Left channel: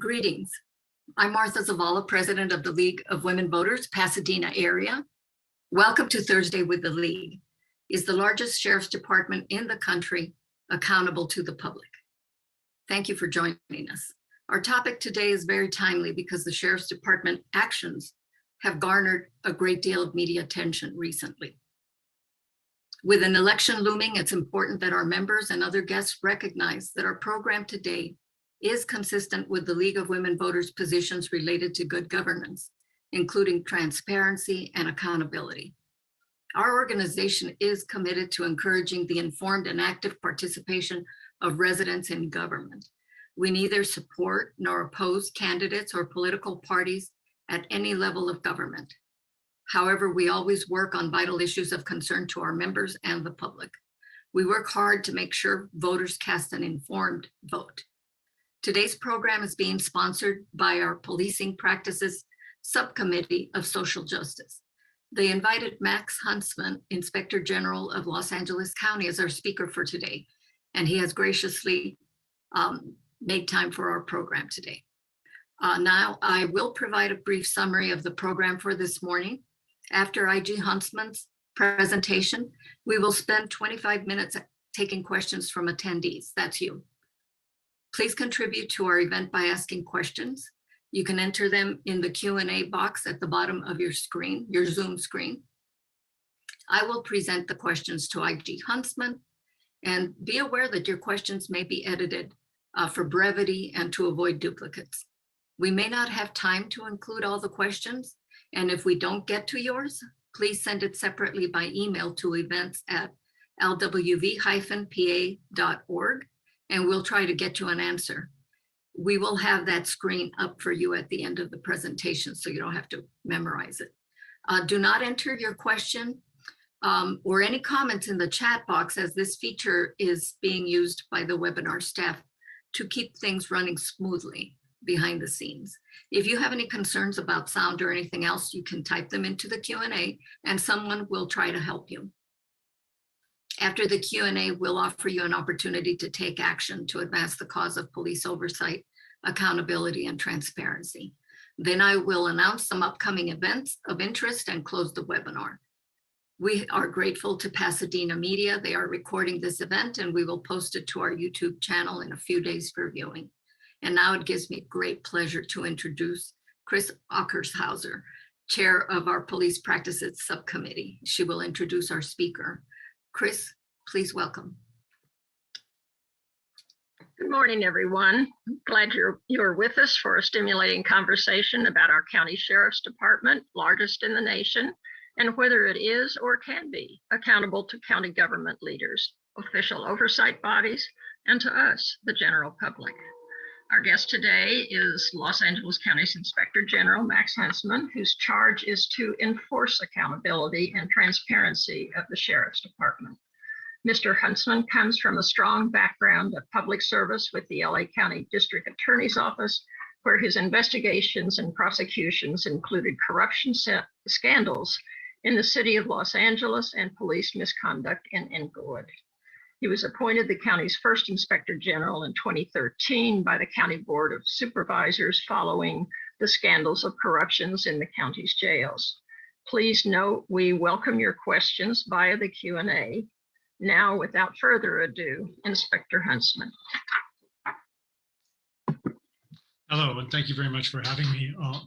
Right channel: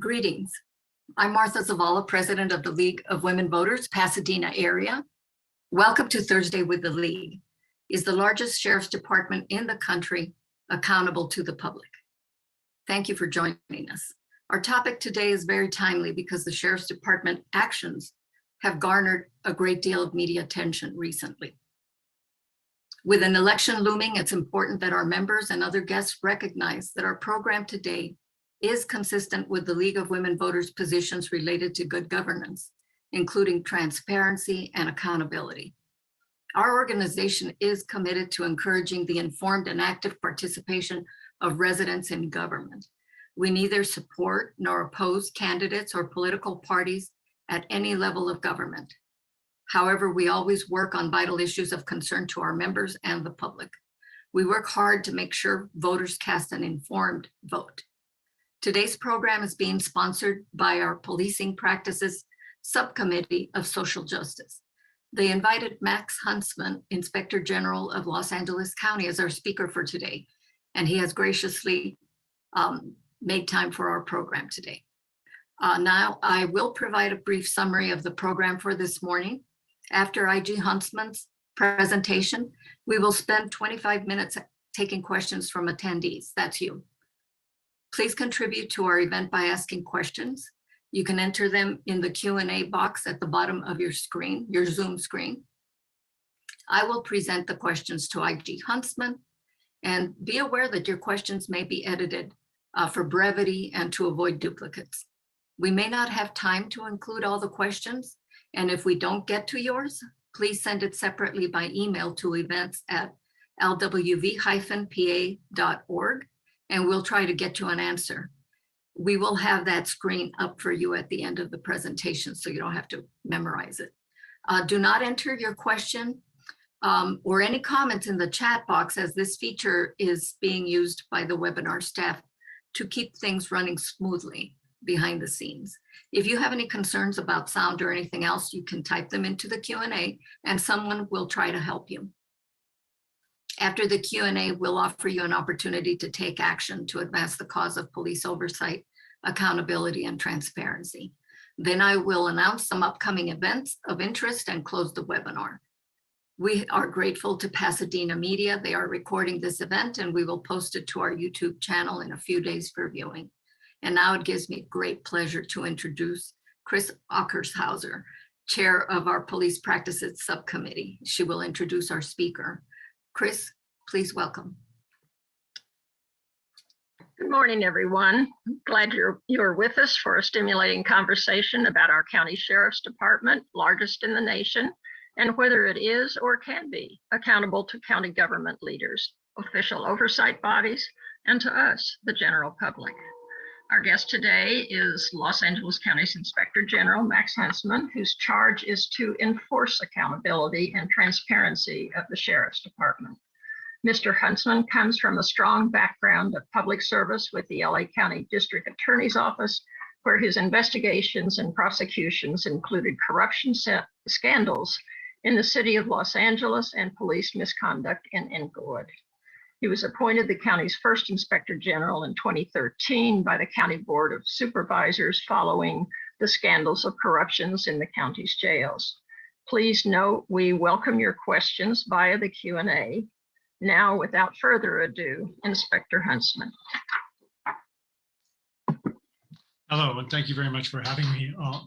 Greetings. I'm Martha Zavala, President of the League of Women Voters, Pasadena area. Welcome to Thursday with the League. Is the largest sheriff's department in the country accountable to the public? Thank you for joining us. Our topic today is very timely because the sheriff's department actions have garnered a great deal of media attention recently. With an election looming, it's important that our members and other guests recognize that our program today is consistent with the League of Women Voters positions related to good governance, including transparency and accountability. Our organization is committed to encouraging the informed and active participation of residents in government. We neither support nor oppose candidates or political parties at any level of government. However, we always work on vital issues of concern to our members and the public. We work hard to make sure voters cast an informed vote. Today's program is being sponsored by our Policing Practices Subcommittee of Social Justice. They invited Max Huntsman, Inspector General of Los Angeles County, as our speaker for today, and he has graciously made time for our program today. Now, I will provide a brief summary of the program for this morning. After IG Huntsman's presentation, we will spend 25 minutes taking questions from attendees. That's you. Please contribute to our event by asking questions. You can enter them in the Q&A box at the bottom of your screen, your Zoom screen. I will present the questions to IG Huntsman, and be aware that your questions may be edited for brevity and to avoid duplicates. We may not have time to include all the questions, and if we don't get to yours, please send it separately by email to events@lwv-pa.org. and we'll try to get you an answer. We will have that screen up for you at the end of the presentation, so you don't have to memorize it. Do not enter your question or any comments in the chat box, as this feature is being used by the webinar staff to keep things running smoothly behind the scenes. If you have any concerns about sound or anything else, you can type them into the Q&A and someone will try to help you. After the Q&A, we'll offer you an opportunity to take action to advance the cause of police oversight, accountability, and transparency. Then I will announce some upcoming events of interest and close the webinar. We are grateful to Pasadena Media. They are recording this event, and we will post it to our YouTube channel in a few days for viewing. And now it gives me great pleasure to introduce Chris Ockershauser, Chair of our Police Practices Subcommittee. She will introduce our speaker. Chris, please welcome. Good morning, everyone. Glad you're with us for a stimulating conversation about our county sheriff's department, largest in the nation, and whether it is or can be accountable to county government leaders, official oversight bodies, and to us, the general public. Our guest today is Los Angeles County's Inspector General, Max Huntsman, whose charge is to enforce accountability and transparency of the Sheriff's Department. Mr. Huntsman comes from a strong background of public service with the LA County District Attorney's Office, where his investigations and prosecutions included corruption scandals in the city of Los Angeles and police misconduct in Inglewood. He was appointed the county's first Inspector General in 2013 by the County Board of Supervisors following the scandals of corruptions in the county's jails. Please note we welcome your questions via the Q&A. Now, without further ado, Inspector Huntsman. Hello, and thank you very much for having me. I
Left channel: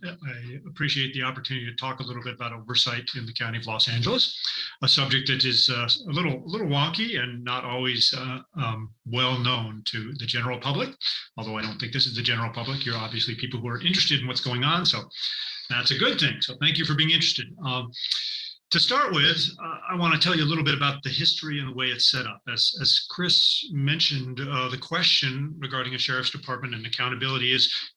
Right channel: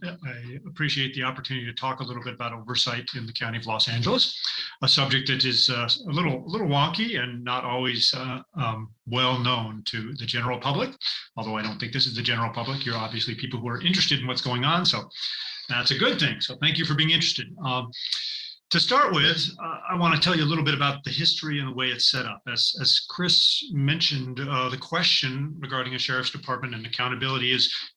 appreciate the opportunity to talk a little bit about oversight in the County of Los Angeles, a subject that is a little wonky and not always well known to the general public, although I don't think this is the general public. You're obviously people who are interested in what's going on, so that's a good thing. So thank you for being interested. To start with, I want to tell you a little bit about the history and the way it's set up. As Chris mentioned, the question regarding a sheriff's department and accountability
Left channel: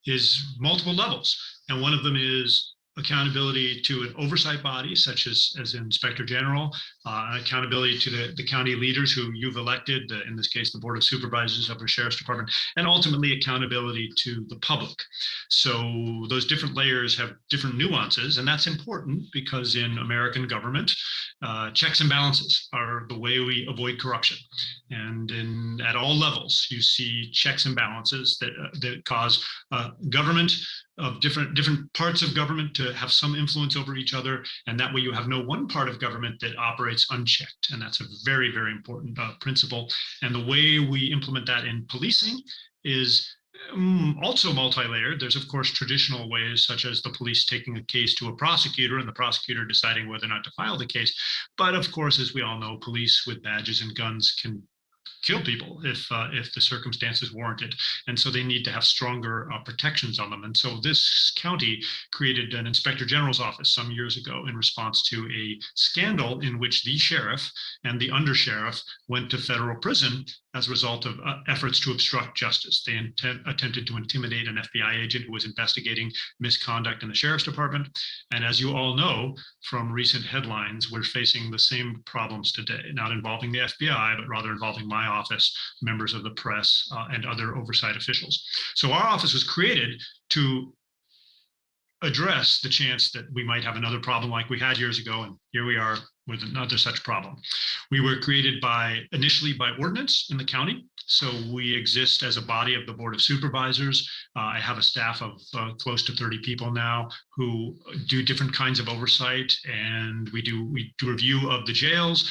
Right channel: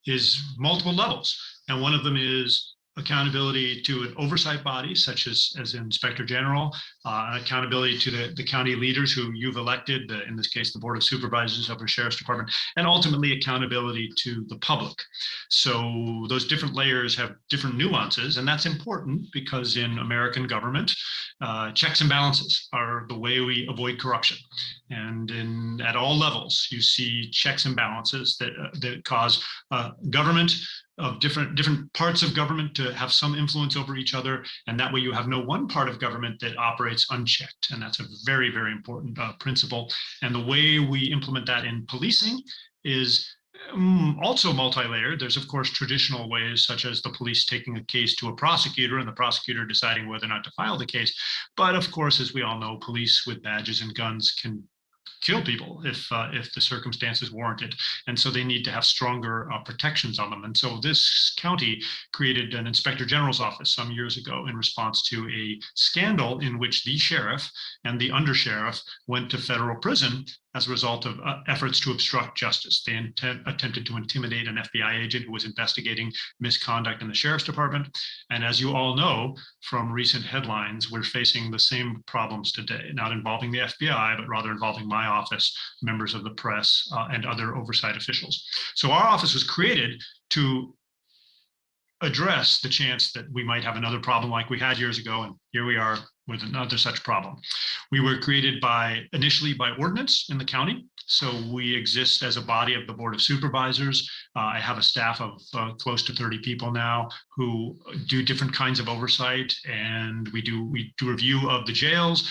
is multiple levels. And one of them is accountability to an oversight body, such as Inspector General, accountability to the county leaders who you've elected, in this case, the Board of Supervisors of the Sheriff's Department, and ultimately accountability to the public. So those different layers have different nuances, and that's important because in American government, checks and balances are the way we avoid corruption. And at all levels, you see checks and balances that cause government of different parts of government to have some influence over each other. And that way you have no one part of government that operates unchecked. And that's a very, very important principle. And the way we implement that in policing is also multi-layered. There's, of course, traditional ways, such as the police taking a case to a prosecutor and the prosecutor deciding whether or not to file the case. But of course, as we all know, police with badges and guns can kill people if the circumstances warrant it. And so they need to have stronger protections on them. And so this county created an inspector general's office some years ago in response to a scandal in which the sheriff and the undersheriff went to federal prison as a result of efforts to obstruct justice. They attempted to intimidate an FBI agent who was investigating misconduct in the sheriff's department. And as you all know from recent headlines, we're facing the same problems today, not involving the FBI, but rather involving my office, members of the press, and other oversight officials. So our office was created to address the chance that we might have another problem like we had years ago, and here we are with another such problem. We were created initially by ordinance in the county. So we exist as a body of the Board of Supervisors. I have a staff of close to 30 people now who do different kinds of oversight, and we do review of the jails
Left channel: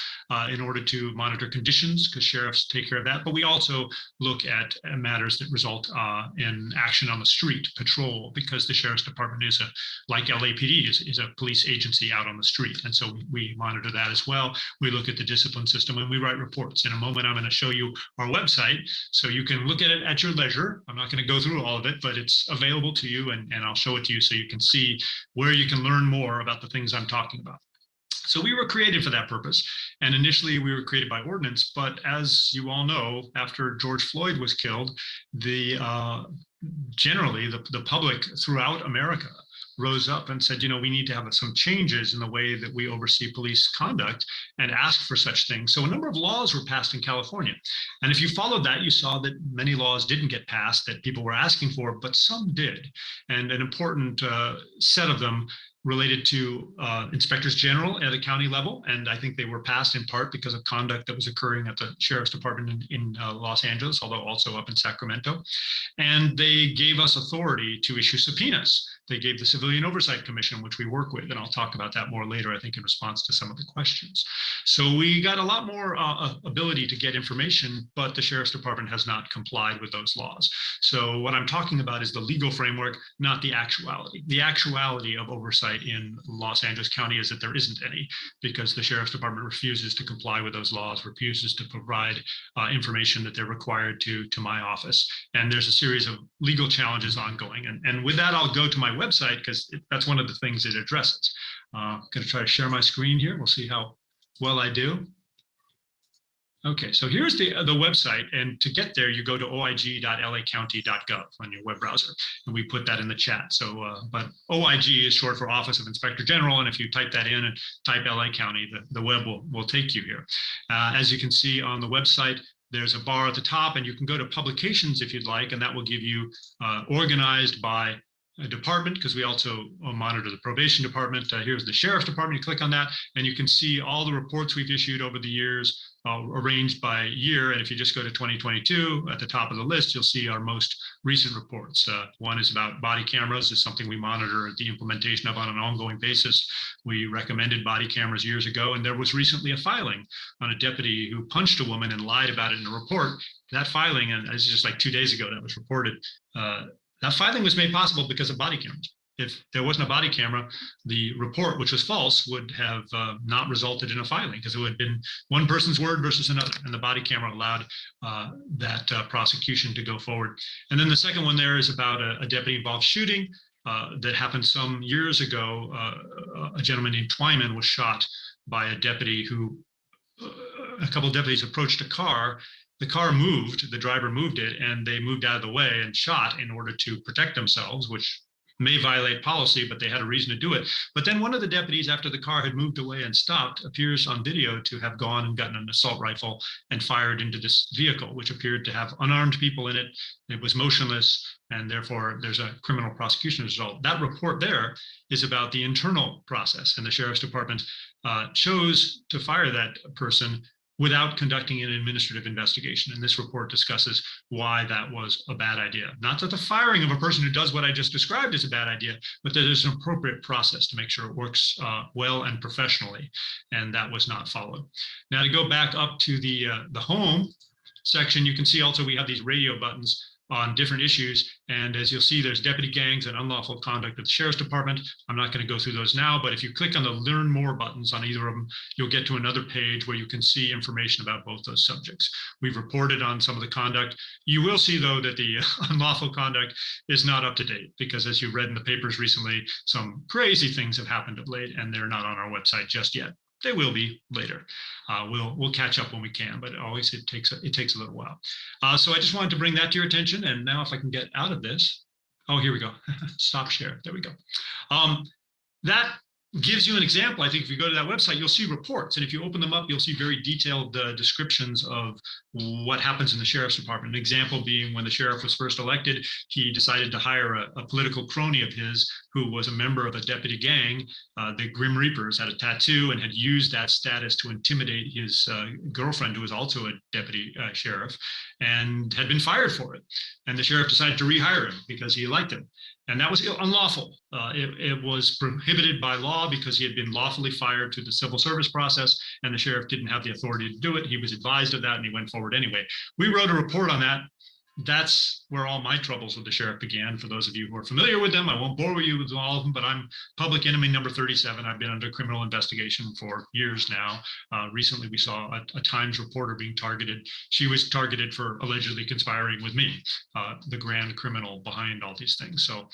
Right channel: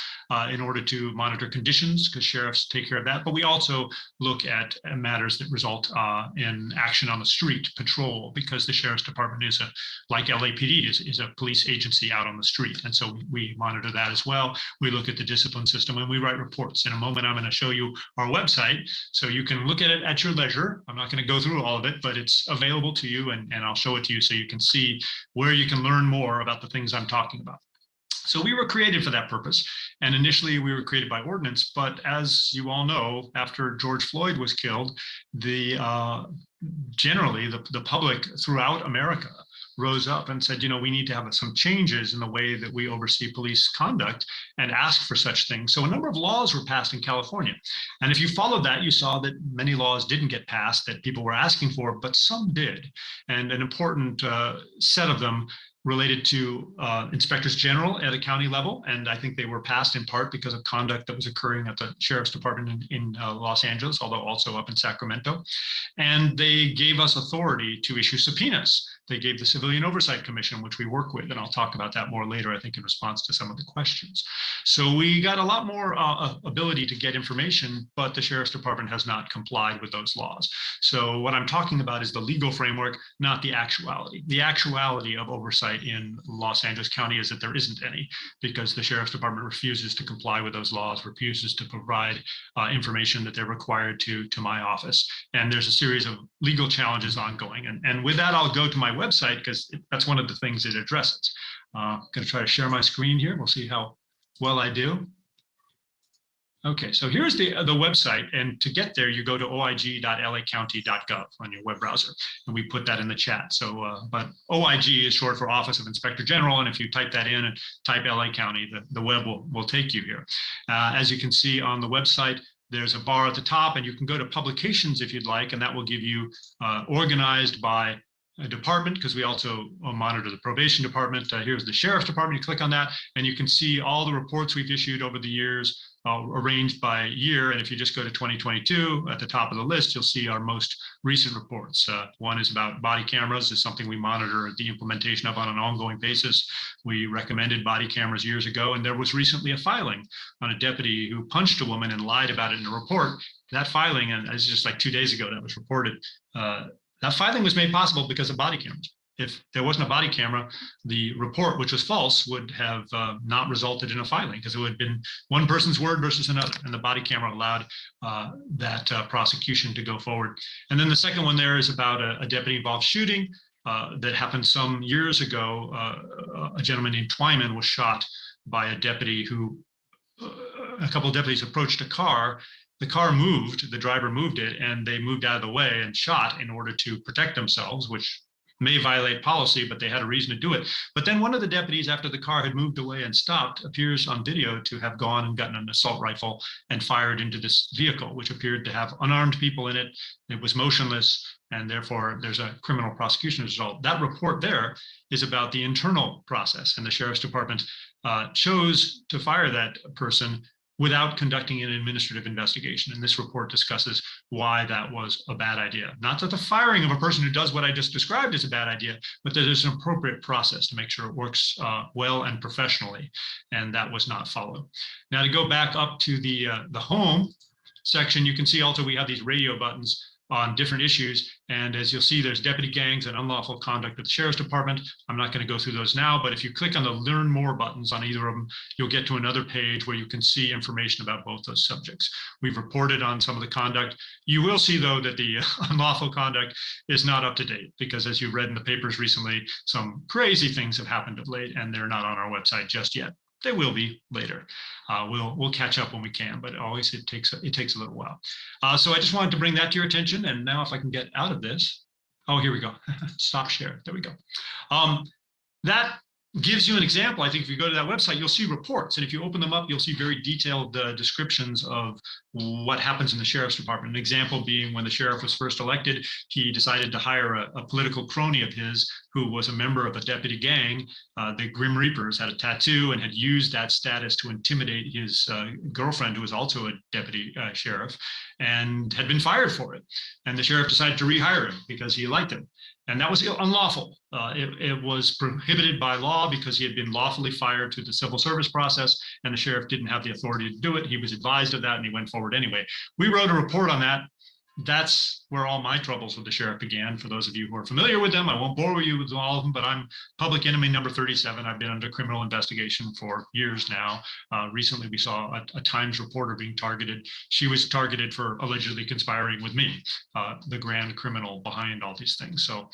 in order to monitor conditions, because sheriffs take care of that. But we also look at matters that result in action on the street, patrol, because the sheriff's department is like LAPD is a police agency out on the street. And so we monitor that as well. We look at the discipline system and we write reports. In a moment, I'm going to show you our website so you can look at it at your leisure. I'm not going to go through all of it, but it's available to you, and I'll show it to you so you can see where you can learn more about the things I'm talking about. So we were created for that purpose. And initially we were created by ordinance, but as you all know, after George Floyd was killed, generally the public throughout America rose up and said, we need to have some changes in the way that we oversee police conduct and ask for such things. So a number of laws were passed in California. And if you followed that, you saw that many laws didn't get passed that people were asking for, but some did. And an important set of them related to inspectors general at a county level. And I think they were passed in part because of conduct that was occurring at the sheriff's department in Los Angeles, although also up in Sacramento. And they gave us authority to issue subpoenas. They gave the Civilian Oversight Commission, which we work with, and I'll talk about that more later, I think, in response to some of the questions. So we got a lot more ability to get information, but the Sheriff's Department has not complied with those laws. So what I'm talking about is the legal framework, not the actuality. The actuality of oversight in Los Angeles County is that there isn't any, because the Sheriff's Department refuses to comply with those laws, refuses to provide information that they're required to my office. And there's a series of legal challenges ongoing. And with that, I'll go to my website, because that's one of the things it addresses. I'm going to try to share my screen here. We'll see how well I do. Okay, so here's the website, and to get there, you go to oig.lacounty.gov on your web browser, and we put that in the chat. So, but OIG is short for Office of Inspector General, and if you type that in and type LA County, the web will take you here. As you can see on the website, there's a bar at the top, and you can go to publications if you'd like, and that will give you organized by department, because we also monitor the probation department. Here's the sheriff's department. You click on that and you can see all the reports we've issued over the years, arranged by year. And if you just go to 2022 at the top of the list, you'll see our most recent reports. One is about body cameras. It's something we monitor the implementation of on an ongoing basis. We recommended body cameras years ago, and there was recently a filing on a deputy who punched a woman and lied about it in a report. That filing, and it's just like 2 days ago that was reported, that filing was made possible because of body cameras. If there wasn't a body camera, the report, which was false, would have not resulted in a filing, because it would have been one person's word versus another, and the body camera allowed that prosecution to go forward. And then the second one there is about a deputy-involved shooting that happened some years ago. A gentleman named Twyman was shot by a deputy who, a couple of deputies approached a car. The car moved, the driver moved it, and they moved out of the way and shot in order to protect themselves, which may violate policy, but they had a reason to do it. But then one of the deputies, after the car had moved away and stopped, appears on video to have gone and gotten an assault rifle and fired into this vehicle, which appeared to have unarmed people in it. It was motionless, and therefore there's a criminal prosecution result. That report there is about the internal process, and the sheriff's department chose to fire that person without conducting an administrative investigation. And this report discusses why that was a bad idea. Not that the firing of a person who does what I just described is a bad idea, but that there's an appropriate process to make sure it works well and professionally. And that was not followed. Now to go back up to the home section, you can see also we have these radio buttons on different issues. And as you'll see, there's deputy gangs and unlawful conduct at the sheriff's department. I'm not going to go through those now, but if you click on the learn more buttons on either of them, you'll get to another page where you can see information about both those subjects. We've reported on some of the conduct. You will see, though, that the unlawful conduct is not up to date because, as you read in the papers recently, some crazy things have happened of late, and they're not on our website just yet. They will be later. We'll catch up when we can, but always it takes a little while. So I just wanted to bring that to your attention. And now if I can get out of this, oh, here we go. Stop share. There we go. That gives you an example. I think if you go to that website, you'll see reports. And if you open them up, you'll see very detailed descriptions of what happens in the sheriff's department. An example being when the sheriff was first elected, he decided to hire a political crony of his who was a member of a deputy gang. The Grim Reapers had a tattoo and had used that status to intimidate his girlfriend, who was also a deputy sheriff, and had been fired for it. And the sheriff decided to rehire him because he liked it. And that was unlawful. It was prohibited by law because he had been lawfully fired through the civil service process, and the sheriff didn't have the authority to do it. He was advised of that, and he went forward anyway. We wrote a report on that. That's where all my troubles with the sheriff began. For those of you who are familiar with them, I won't bore you with all of them, but I'm public enemy number 37. I've been under criminal investigation for years now. Recently, we saw a Times reporter being targeted. She was targeted for allegedly conspiring with me, the grand criminal behind all these things. So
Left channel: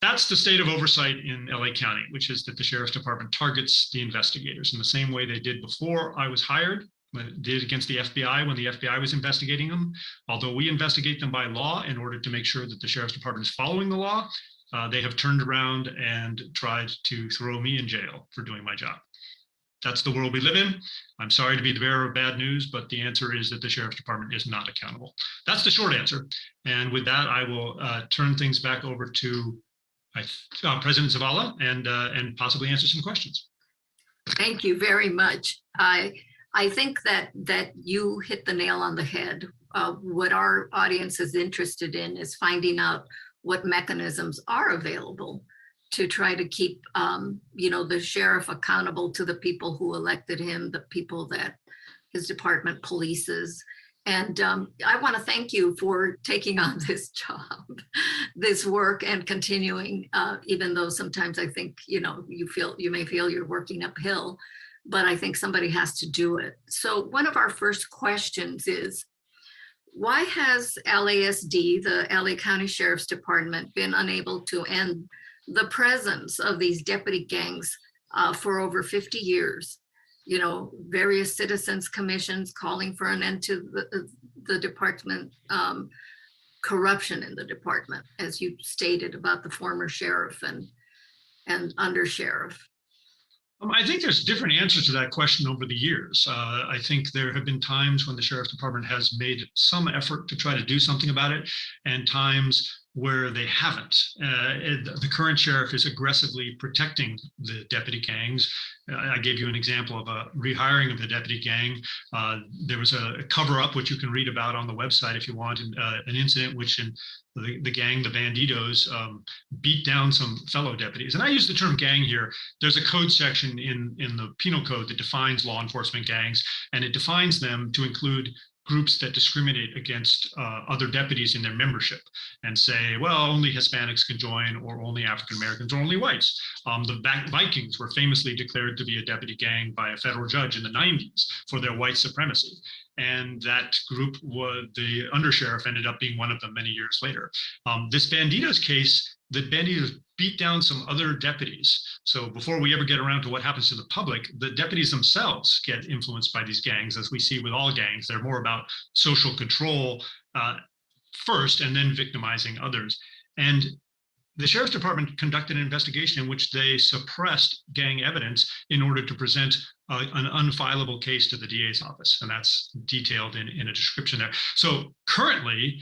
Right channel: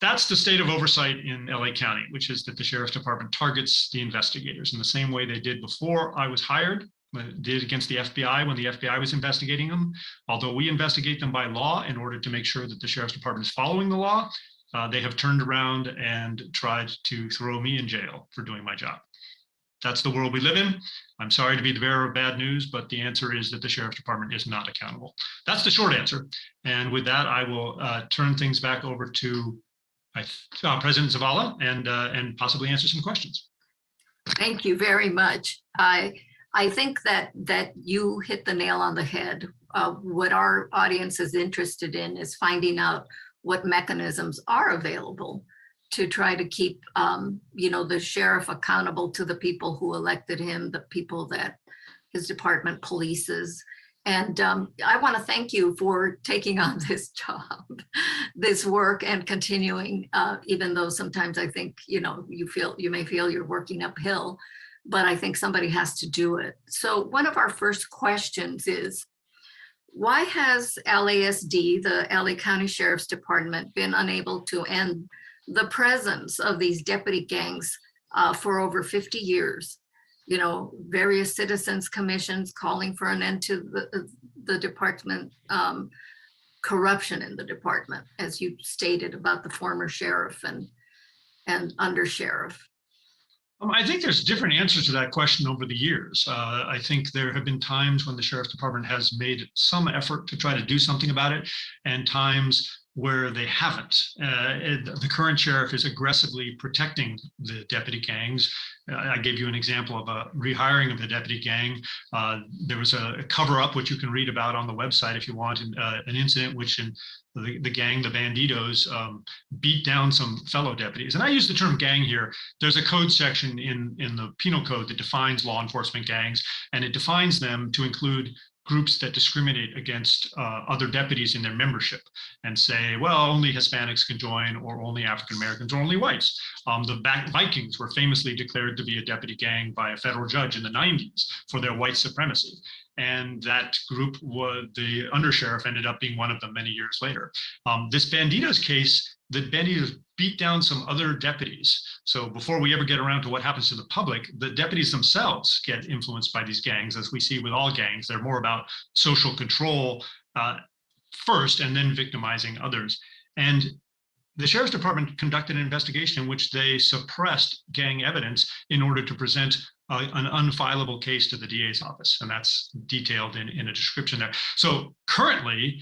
that's the state of oversight in LA County, which is that the sheriff's department targets the investigators in the same way they did before I was hired. Did against the FBI when the FBI was investigating them. Although we investigate them by law in order to make sure that the sheriff's department is following the law, they have turned around and tried to throw me in jail for doing my job. That's the world we live in. I'm sorry to be the bearer of bad news, but the answer is that the sheriff's department is not accountable. That's the short answer. And with that, I will turn things back over to President Zavala and possibly answer some questions. Thank you very much. I think that you hit the nail on the head. What our audience is interested in is finding out what mechanisms are available to try to keep, the sheriff accountable to the people who elected him, the people that his department polices. And I want to thank you for taking on this job, this work, and continuing, even though sometimes I think, you may feel you're working uphill. But I think somebody has to do it. So one of our first questions is, why has LASD, the LA County Sheriff's Department, been unable to end the presence of these deputy gangs for over 50 years? Various citizens commissions calling for an end to the department, corruption in the department, as you stated about the former sheriff and undersheriff. I think there's different answers to that question over the years. I think there have been times when the sheriff's department has made some effort to try to do something about it, and times where they haven't. The current sheriff is aggressively protecting the deputy gangs. I gave you an example of a rehiring of the deputy gang. There was a cover-up, which you can read about on the website if you want, an incident which the gang, the Bandidos, beat down some fellow deputies. And I use the term gang here. There's a code section in the penal code that defines law enforcement gangs, and it defines them to include groups that discriminate against other deputies in their membership and say, well, only Hispanics can join, or only African Americans, or only whites. The Vikings were famously declared to be a deputy gang by a federal judge in the 90s for their white supremacy. And that group, the undersheriff, ended up being one of them many years later. This Bandidos case, the Bandidos beat down some other deputies. So before we ever get around to what happens to the public, the deputies themselves get influenced by these gangs. As we see with all gangs, they're more about social control first and then victimizing others. And the sheriff's department conducted an investigation in which they suppressed gang evidence in order to present an unfileable case to the DA's office, and that's detailed in a description there. So currently,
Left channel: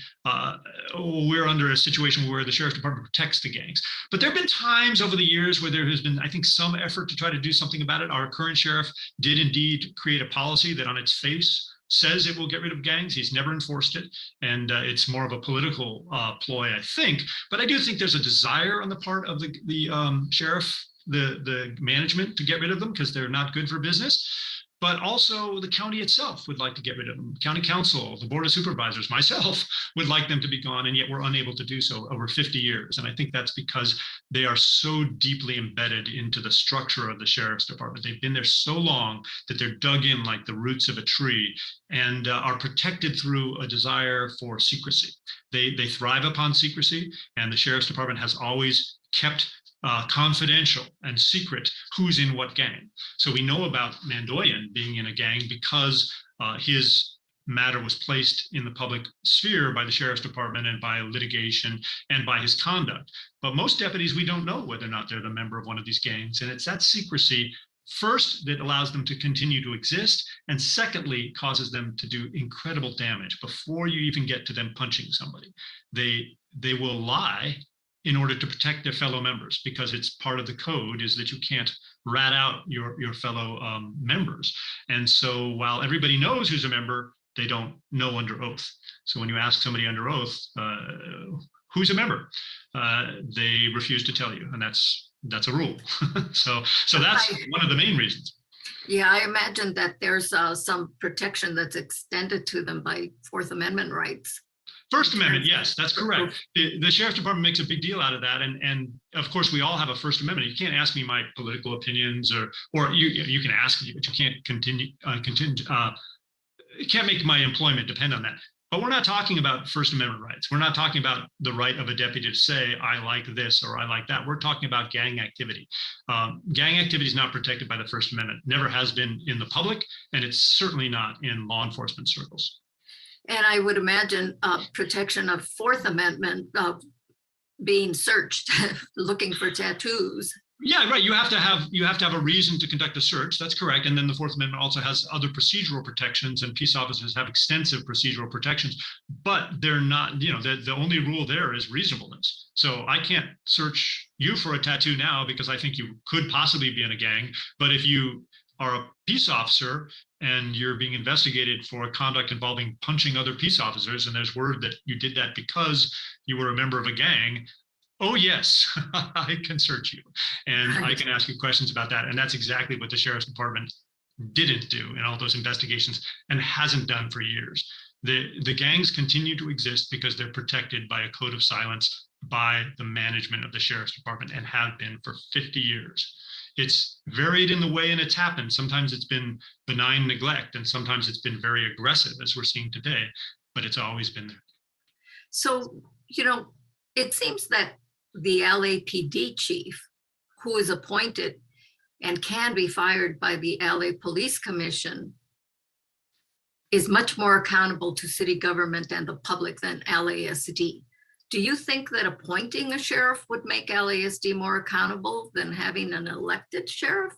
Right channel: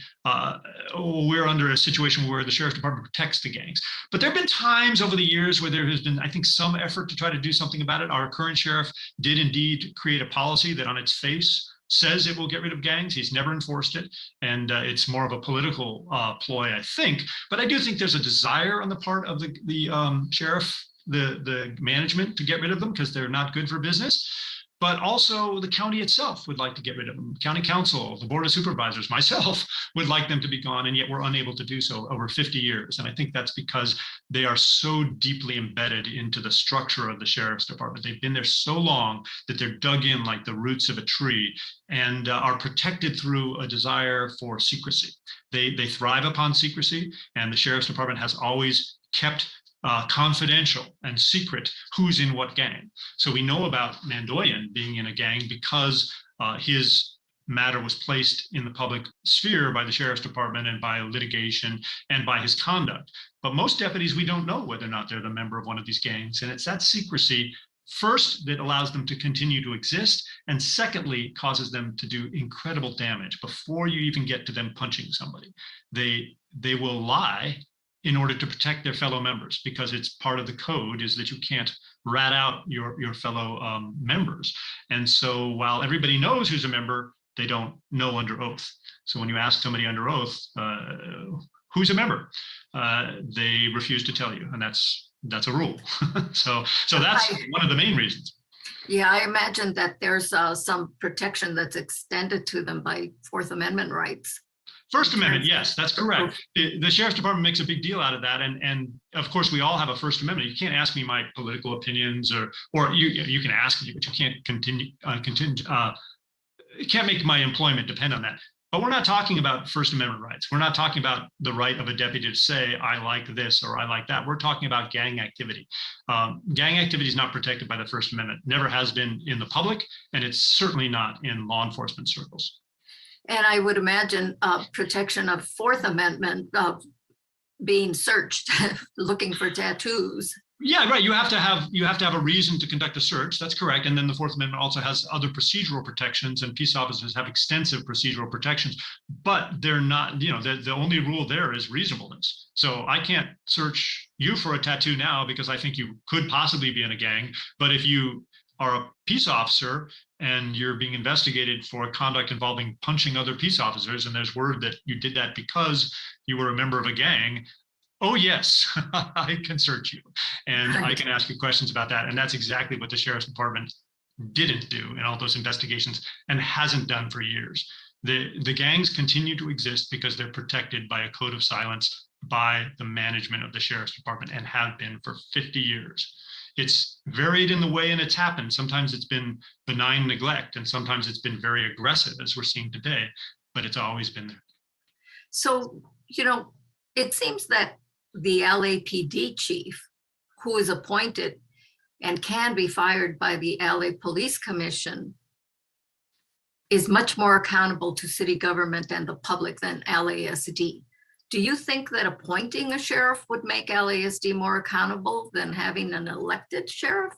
we're under a situation where the sheriff's department protects the gangs. But there have been times over the years where there has been, I think, some effort to try to do something about it. Our current sheriff did indeed create a policy that on its face says it will get rid of gangs. He's never enforced it, and it's more of a political ploy, I think. But I do think there's a desire on the part of the sheriff, the management, to get rid of them because they're not good for business. But also the county itself would like to get rid of them. County council, the board of supervisors, myself would like them to be gone, and yet we're unable to do so over 50 years. And I think that's because they are so deeply embedded into the structure of the sheriff's department. They've been there so long that they're dug in like the roots of a tree and are protected through a desire for secrecy. They thrive upon secrecy, and the sheriff's department has always kept confidential and secret who's in what gang. So we know about Mandoyan being in a gang because his matter was placed in the public sphere by the sheriff's department and by litigation and by his conduct. But most deputies, we don't know whether or not they're the member of one of these gangs. And it's that secrecy, first, that allows them to continue to exist, and secondly, causes them to do incredible damage before you even get to them punching somebody. They will lie in order to protect their fellow members, because it's part of the code is that you can't rat out your fellow members. And so while everybody knows who's a member, they don't know under oath. So when you ask somebody under oath, who's a member, they refuse to tell you, and that's a rule. so that's one of the main reasons. Yeah, I imagine that there's some protection that's extended to them by Fourth Amendment rights. First Amendment, yes, that's correct. The sheriff's department makes a big deal out of that, and of course we all have a First Amendment. You can't ask me my political opinions, or you can ask me, but you can't you can't make my employment depend on that. But we're not talking about First Amendment rights. We're not talking about the right of a deputy to say, I like this or I like that. We're talking about gang activity. Gang activity is not protected by the First Amendment. Never has been in the public, and it's certainly not in law enforcement circles. And I would imagine protection of Fourth Amendment being searched, looking for tattoos. Yeah, right. You have to have a reason to conduct a search. That's correct. And then the Fourth Amendment also has other procedural protections, and peace officers have extensive procedural protections. But they're not. The only rule there is reasonableness. So I can't search you for a tattoo now because I think you could possibly be in a gang. But if you are a peace officer and you're being investigated for conduct involving punching other peace officers, and there's word that you did that because you were a member of a gang, oh yes, I can search you and I can ask you questions about that. And that's exactly what the sheriff's department didn't do in all those investigations and hasn't done for years. The gangs continue to exist because they're protected by a code of silence by the management of the sheriff's department and have been for 50 years. It's varied in the way and it's happened. Sometimes it's been benign neglect, and sometimes it's been very aggressive, as we're seeing today, but it's always been there. So, it seems that the LAPD chief, who is appointed and can be fired by the LA Police Commission, is much more accountable to city government and the public than LASD. Do you think that appointing a sheriff would make LASD more accountable than having an elected sheriff?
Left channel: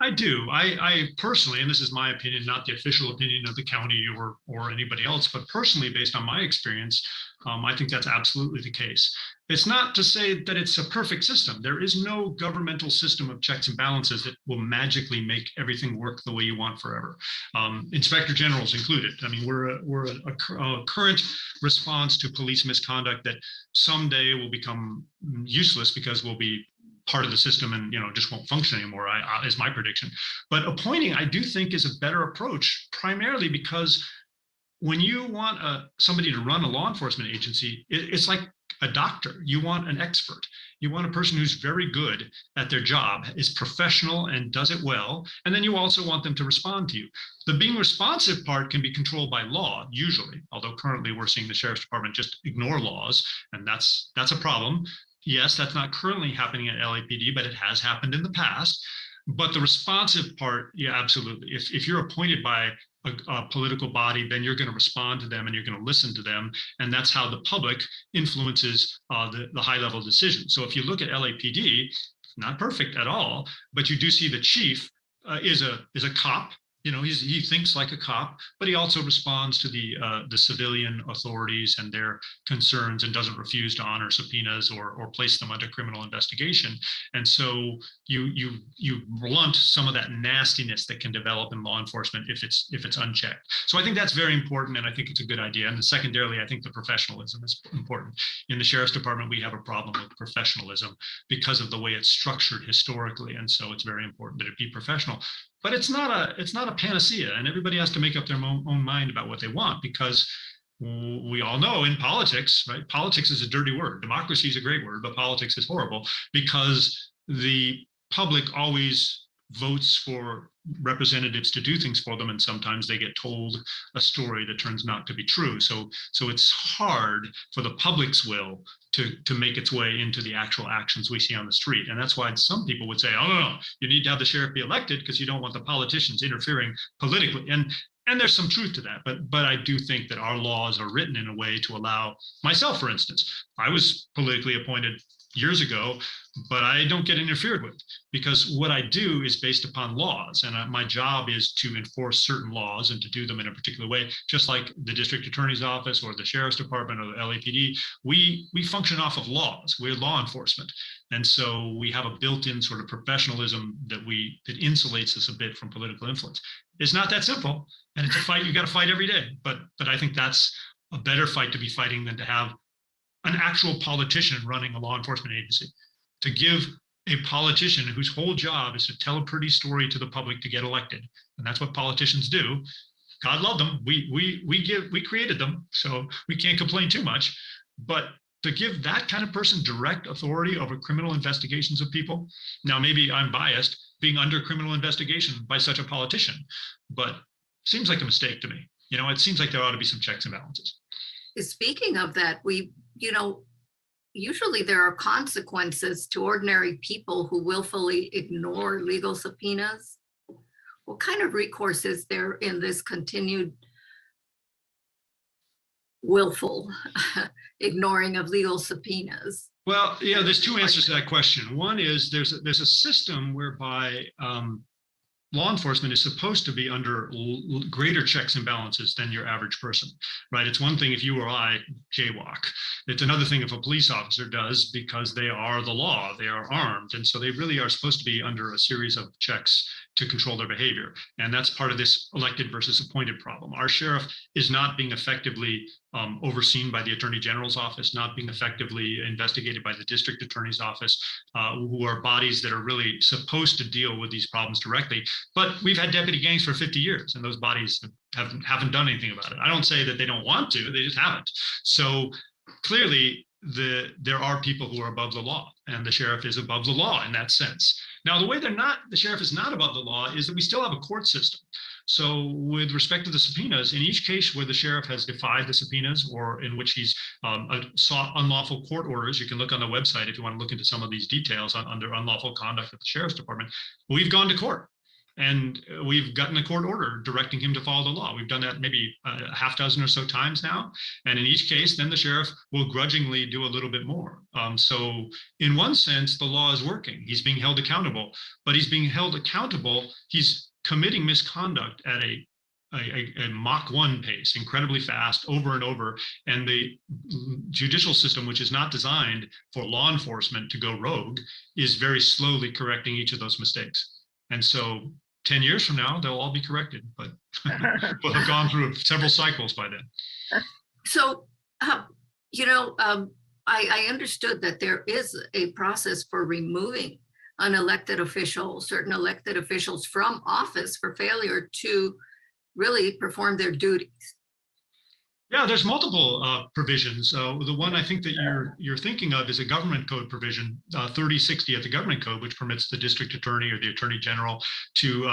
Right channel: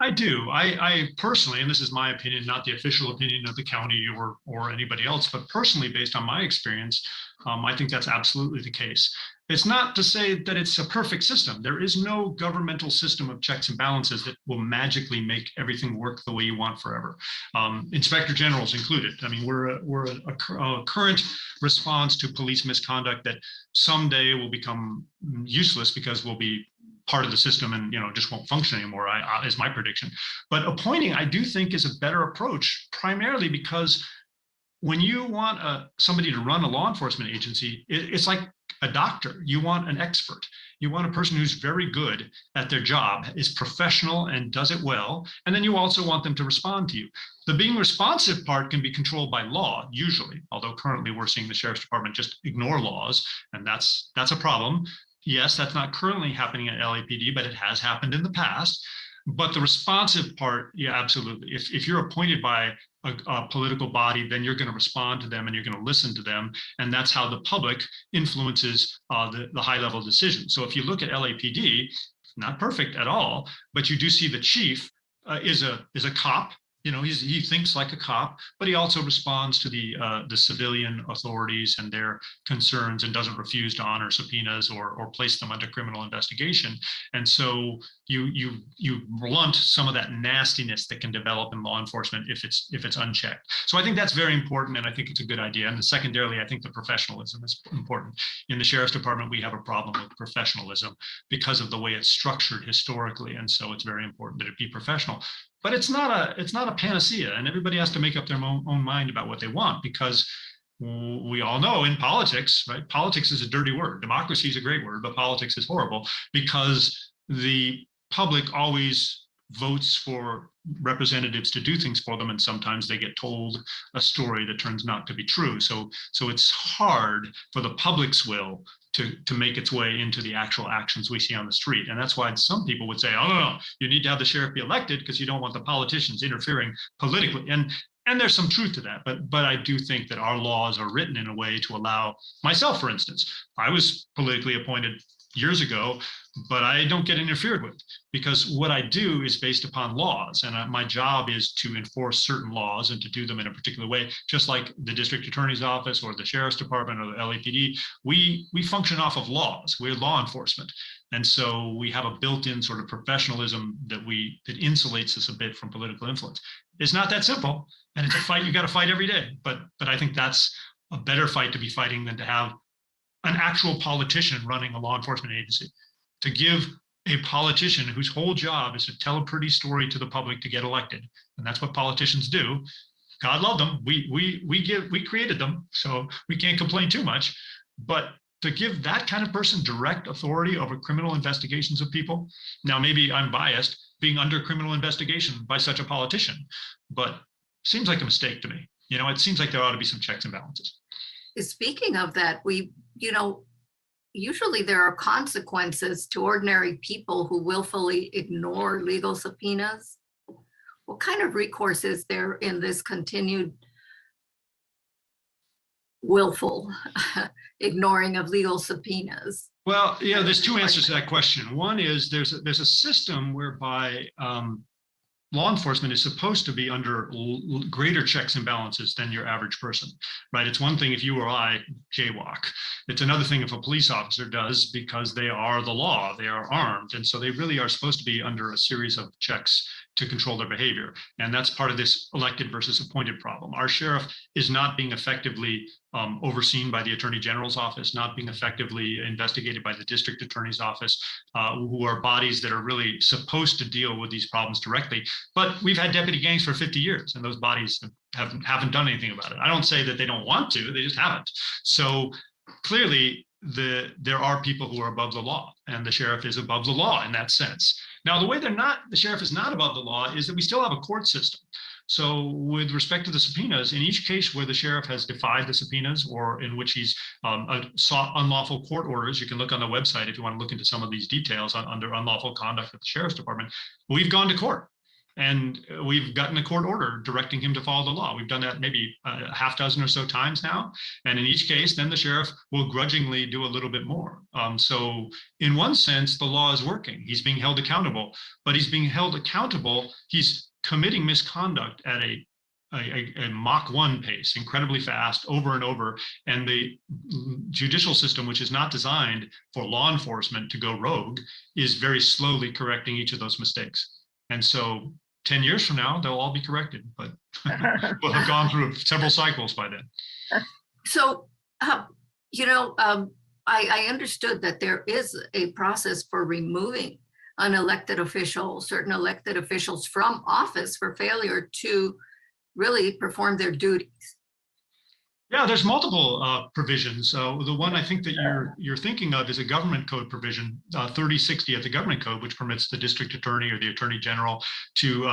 I do. I personally, and this is my opinion, not the official opinion of the county or anybody else, but personally, based on my experience, I think that's absolutely the case. It's not to say that it's a perfect system. There is no governmental system of checks and balances that will magically make everything work the way you want forever. Inspector generals included. I mean, we're a current response to police misconduct that someday will become useless because we'll be part of the system and just won't function anymore, is my prediction. But appointing, I do think, is a better approach, primarily because when you want somebody to run a law enforcement agency, it's like a doctor. You want an expert. You want a person who's very good at their job, is professional and does it well, and then you also want them to respond to you. The being responsive part can be controlled by law, usually, although currently we're seeing the sheriff's department just ignore laws, and that's a problem. Yes, that's not currently happening at LAPD, but it has happened in the past. But the responsive part, yeah, absolutely. If you're appointed by a political body, then you're going to respond to them and you're going to listen to them. And that's how the public influences the high level decisions. So if you look at LAPD, not perfect at all, but you do see the chief is a cop. You know, he thinks like a cop, but he also responds to the civilian authorities and their concerns and doesn't refuse to honor subpoenas or place them under criminal investigation. And so you blunt some of that nastiness that can develop in law enforcement if it's unchecked. So I think that's very important, and I think it's a good idea. And secondarily, I think the professionalism is important. In the Sheriff's Department, we have a problem with professionalism because of the way it's structured historically, and so it's very important that it be professional. But it's not a panacea, and everybody has to make up their own mind about what they want, because we all know in politics, right? Politics is a dirty word. Democracy is a great word, but politics is horrible because the public always votes for representatives to do things for them, and sometimes they get told a story that turns not to be true. So it's hard for the public's will to make its way into the actual actions we see on the street. And that's why some people would say, oh, no, you need to have the sheriff be elected because you don't want the politicians interfering politically. And there's some truth to that. But I do think that our laws are written in a way to allow myself, for instance, I was politically appointed years ago, but I don't get interfered with because what I do is based upon laws, and my job is to enforce certain laws and to do them in a particular way, just like the district attorney's office or the sheriff's department or the LAPD. We function off of laws. We're law enforcement, and so we have a built-in sort of professionalism that insulates us a bit from political influence. It's not that simple, and it's a fight you got to fight every day. But I think that's a better fight to be fighting than to have an actual politician running a law enforcement agency. To give a politician whose whole job is to tell a pretty story to the public to get elected, and that's what politicians do. God love them. We created them, so we can't complain too much. But to give that kind of person direct authority over criminal investigations of people, now maybe I'm biased, being under criminal investigation by such a politician, but seems like a mistake to me. You know, it seems like there ought to be some checks and balances. Speaking of that, usually there are consequences to ordinary people who willfully ignore legal subpoenas. What kind of recourse is there in this continued willful ignoring of legal subpoenas? Well, yeah, there's two answers to that question. One is there's a system whereby law enforcement is supposed to be under greater checks and balances than your average person, right? It's one thing if you or I jaywalk. It's another thing if a police officer does, because they are the law, they are armed. And so they really are supposed to be under a series of checks to control their behavior. And that's part of this elected versus appointed problem. Our sheriff is not being effectively overseen by the Attorney General's office, not being effectively investigated by the district attorney's office, who are bodies that are really supposed to deal with these problems directly. But we've had deputy gangs for 50 years, and those bodies haven't done anything about it. I don't say that they don't want to, they just haven't. So clearly, there are people who are above the law, and the sheriff is above the law in that sense. Now, the way the sheriff is not above the law is that we still have a court system. So with respect to the subpoenas, in each case where the sheriff has defied the subpoenas or in which he's sought unlawful court orders, you can look on the website if you want to look into some of these details under unlawful conduct at the sheriff's department, we've gone to court. And we've gotten a court order directing him to follow the law. We've done that maybe a half dozen or so times now. And in each case, then the sheriff will grudgingly do a little bit more. So in one sense, the law is working. He's being held accountable, but he's being held accountable. He's committing misconduct at a Mach 1 pace, incredibly fast, over and over. And the judicial system, which is not designed for law enforcement to go rogue, is very slowly correcting each of those mistakes. And so 10 years from now, they'll all be corrected, but we'll have gone through several cycles by then. So, I understood that there is a process for removing certain elected officials from office for failure to really perform their duties. Yeah, there's multiple provisions. So the one I think that you're thinking of is a government code provision, 3060 of the government code, which permits the district attorney or the attorney general to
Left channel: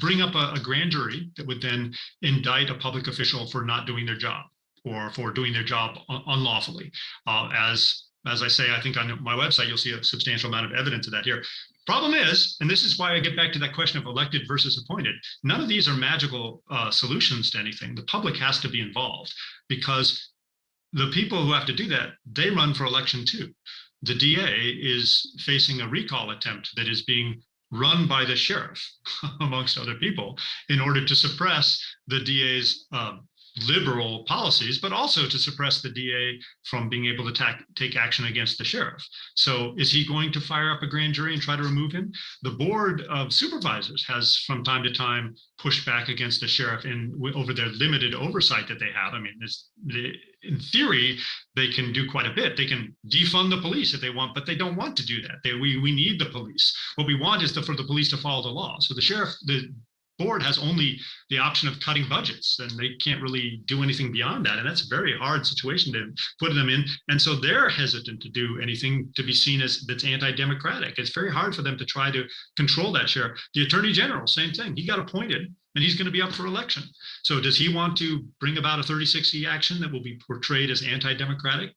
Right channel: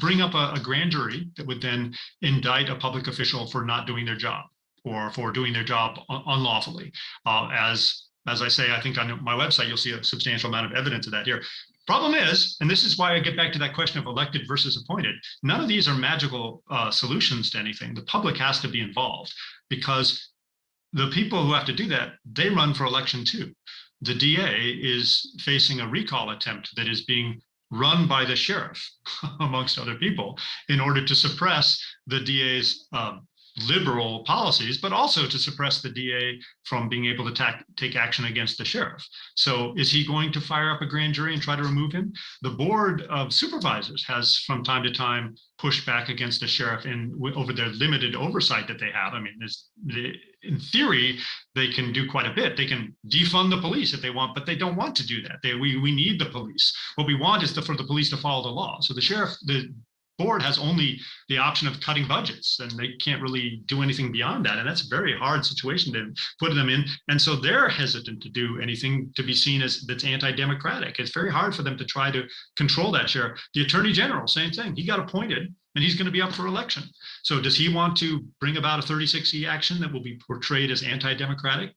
bring up a grand jury that would then indict a public official for not doing their job or for doing their job unlawfully, as as I say, I think on my website, you'll see a substantial amount of evidence of that here. Problem is, and this is why I get back to that question of elected versus appointed, none of these are magical solutions to anything. The public has to be involved because the people who have to do that, they run for election too. The DA is facing a recall attempt that is being run by the sheriff, amongst other people, in order to suppress the DA's liberal policies, but also to suppress the DA from being able to take action against the sheriff. So is he going to fire up a grand jury and try to remove him? The Board of Supervisors has from time to time pushed back against the sheriff over their limited oversight that they have. I mean, in theory, they can do quite a bit. They can defund the police if they want, but they don't want to do that. We need the police. What we want is for the police to follow the law. So the board has only the option of cutting budgets, and they can't really do anything beyond that. And that's a very hard situation to put them in. And so they're hesitant to do anything to be seen as that's anti-democratic. It's very hard for them to try to control that sheriff. The attorney general, same thing. He got appointed and he's going to be up for election. So does he want to bring about a 3060 action that will be portrayed as anti-democratic?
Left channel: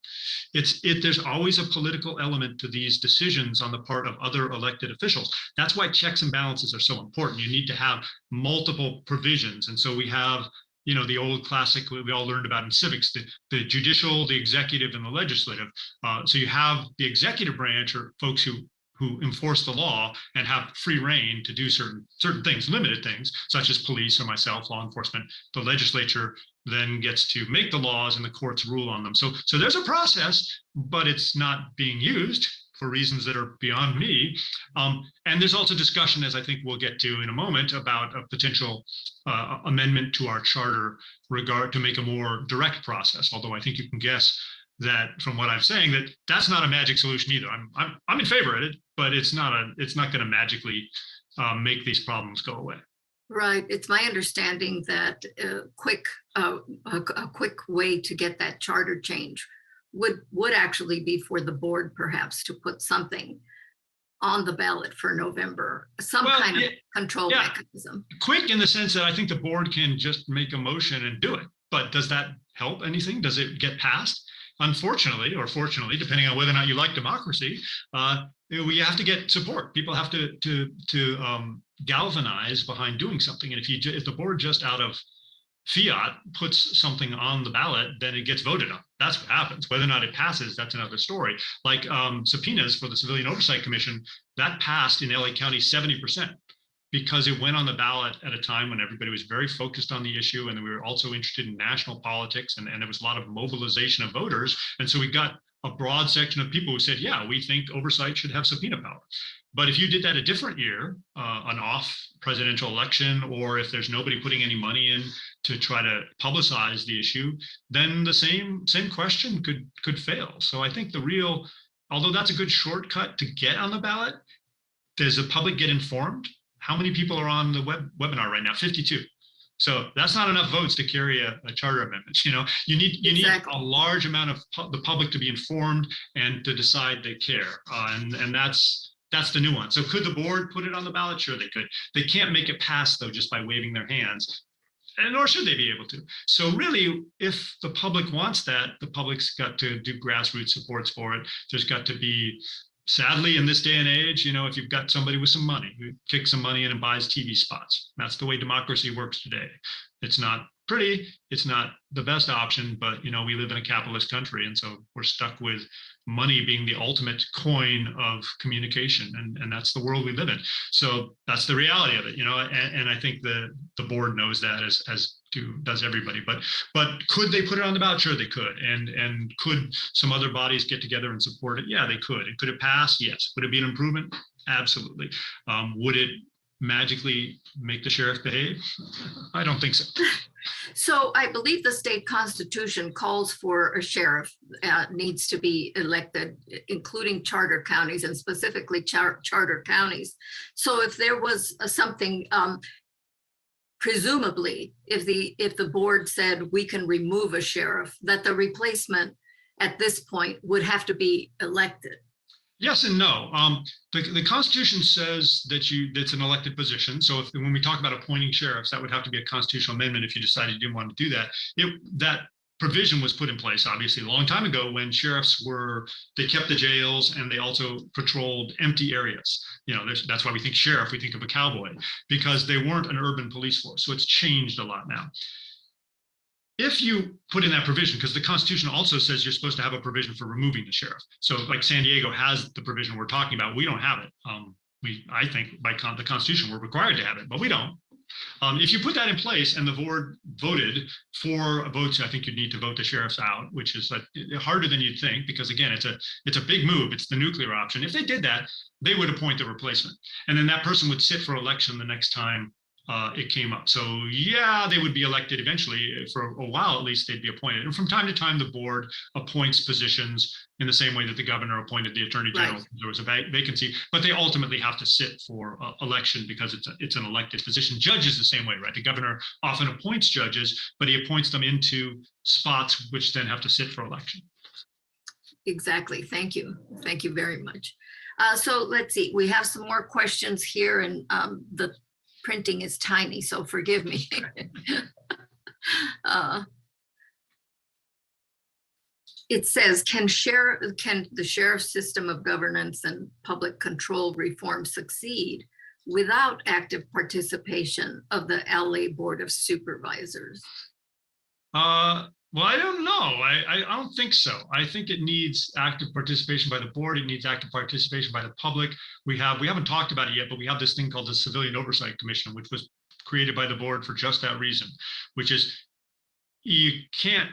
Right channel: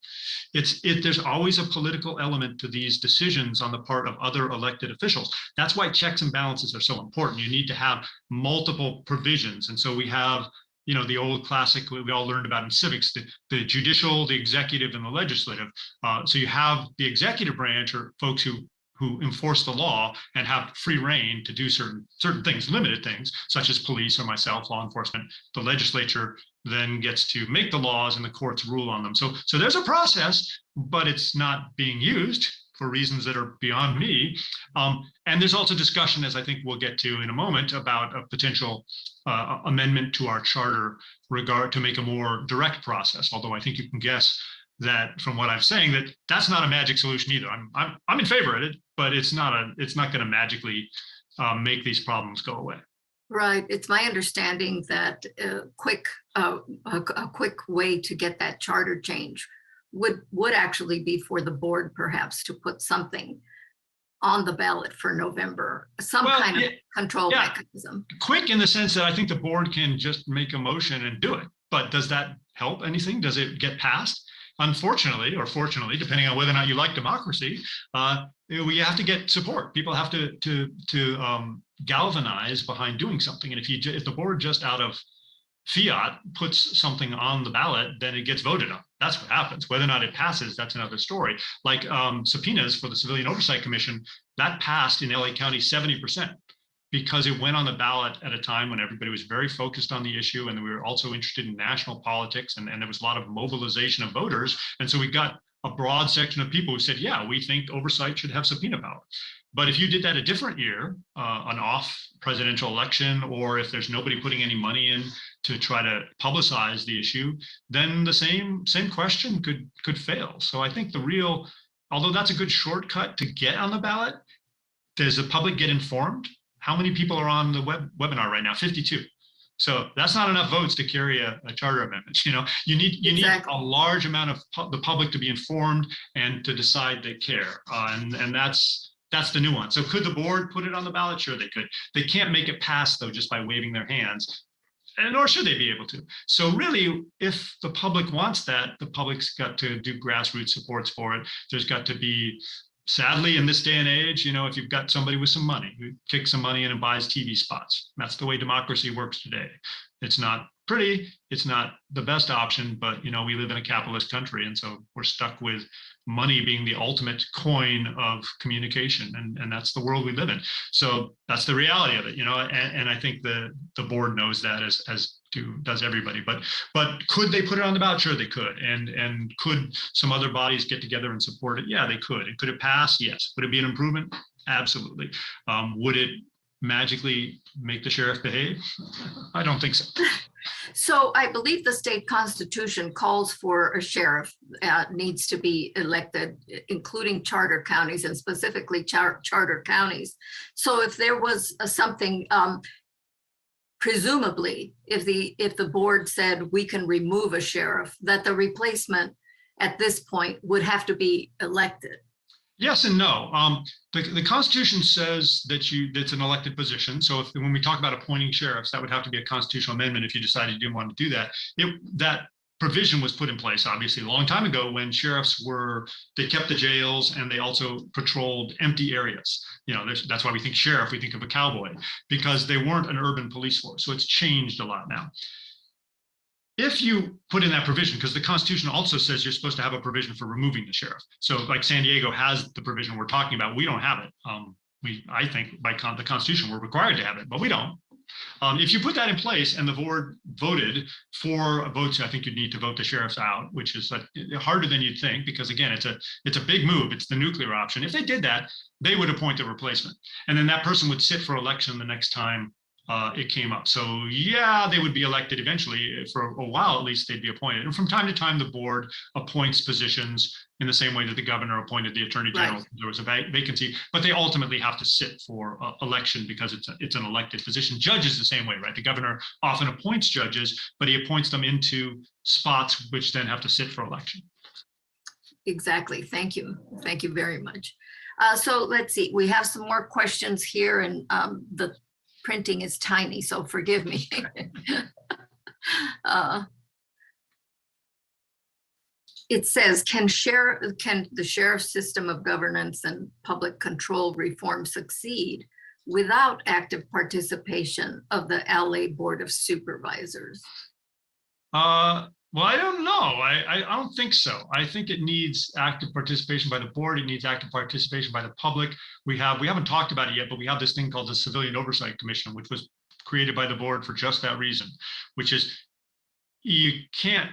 There's always a political element to these decisions on the part of other elected officials. That's why checks and balances are so important. You need to have multiple provisions. And so we have, the old classic we all learned about in civics, the judicial, the executive, and the legislative. So you have the executive branch, or folks who enforce the law and have free reign to do certain things, limited things, such as police or myself, law enforcement. The legislature then gets to make the laws and the courts rule on them. So there's a process, but it's not being used for reasons that are beyond me. And there's also discussion, as I think we'll get to in a moment, about a potential amendment to our charter to make a more direct process. Although I think you can guess that from what I'm saying, that's not a magic solution either. I'm in favor of it, but it's not going to magically make these problems go away. Right. It's my understanding that a quick way to get that charter change would actually be for the board, perhaps, to put something on the ballot for November, kind of control mechanism. Quick in the sense that I think the board can just make a motion and do it. But does that help anything? Does it get passed? Unfortunately, or fortunately, depending on whether or not you like democracy, we have to get support. People have to galvanize behind doing something. And if the board just out of fiat puts something on the ballot, then it gets voted on. That's what happens. Whether or not it passes, that's another story. Like subpoenas for the Civilian Oversight Commission, that passed in LA County 70%. Because it went on the ballot at a time when everybody was very focused on the issue, and we were also interested in national politics, and there was a lot of mobilization of voters. And so we got a broad section of people who said, yeah, we think oversight should have subpoena power. But if you did that a different year, an off presidential election, or if there's nobody putting any money in to try to publicize the issue, then the same question could fail. So I think although that's a good shortcut to get on the ballot, does the public get informed? How many people are on the webinar right now? 52. So that's not enough votes to carry a charter amendment. You need a large amount of the public to be informed and to decide they care. And that's the nuance. So could the board put it on the ballot? Sure, they could. They can't make it pass, though, just by waving their hands. And nor should they be able to. So really, if the public wants that, the public's got to do grassroots supports for it. There's got to be, sadly, in this day and age, if you've got somebody with some money, who kicks some money in and buys TV spots. That's the way democracy works today. It's not pretty, it's not the best option, but we live in a capitalist country, and so we're stuck with money being the ultimate coin of communication, and that's the world we live in. So that's the reality of it, and I think the board knows that as does everybody. But could they put it on the ballot? Sure, they could. And could some other bodies get together and support it? Yeah, they could. And could it pass? Yes. Would it be an improvement? Absolutely. Would it magically make the sheriff behave? I don't think so. So I believe the state constitution calls for a sheriff needs to be elected, including charter counties, and specifically charter counties. So if there was something, presumably, if the board said we can remove a sheriff, that the replacement at this point would have to be elected. Yes and no. The Constitution says that it's an elected position. So when we talk about appointing sheriffs, that would have to be a constitutional amendment if you decided you didn't want to do that. That provision was put in place, obviously, a long time ago when sheriffs they kept the jails and they also patrolled empty areas. That's why we think sheriff, we think of a cowboy, because they weren't an urban police force. So it's changed a lot now. If you put in that provision, because the Constitution also says you're supposed to have a provision for removing the sheriff. So like San Diego has the provision we're talking about. We don't have it. I think by the Constitution, we're required to have it, but we don't. If you put that in place and the board voted for votes, I think you'd need to vote the sheriffs out, which is harder than you'd think, because again, it's a big move. It's the nuclear option. If they did that, they would appoint a replacement. And then that person would sit for election the next time it came up. So yeah, they would be elected eventually. For a while, at least, they'd be appointed. And from time to time, the board appoints positions in the same way that the governor appointed the attorney general. Right. There was a vacancy, but they ultimately have to sit for election because it's an elected position. Judges the same way, right? The governor often appoints judges, but he appoints them into spots which then have to sit for election. Exactly. Thank you. Thank you very much. So let's see. We have some more questions here, and the printing is tiny, so forgive me. It says, can the sheriff's system of governance and public control reform succeed without active participation of the LA Board of Supervisors? Well, I don't know. I don't think so. I think it needs active participation by the board. It needs active participation by the public. We haven't talked about it yet, but we have this thing called the Civilian Oversight Commission, which was created by the board for just that reason, which is you can't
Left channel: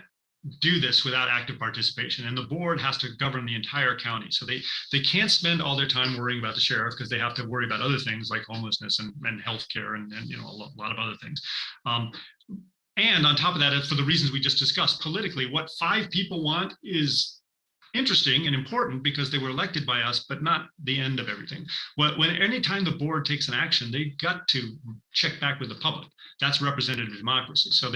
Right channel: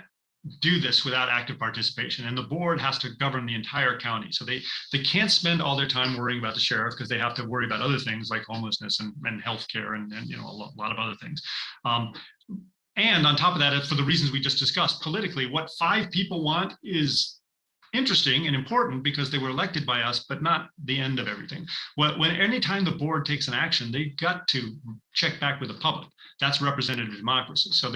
do this without active participation, and the board has to govern the entire county. So they can't spend all their time worrying about the sheriff, because they have to worry about other things like homelessness and healthcare and a lot of other things. And on top of that, for the reasons we just discussed, politically, what 5 people want is interesting and important because they were elected by us, but not the end of everything. Anytime the board takes an action, they got to check back with the public. That's representative democracy. So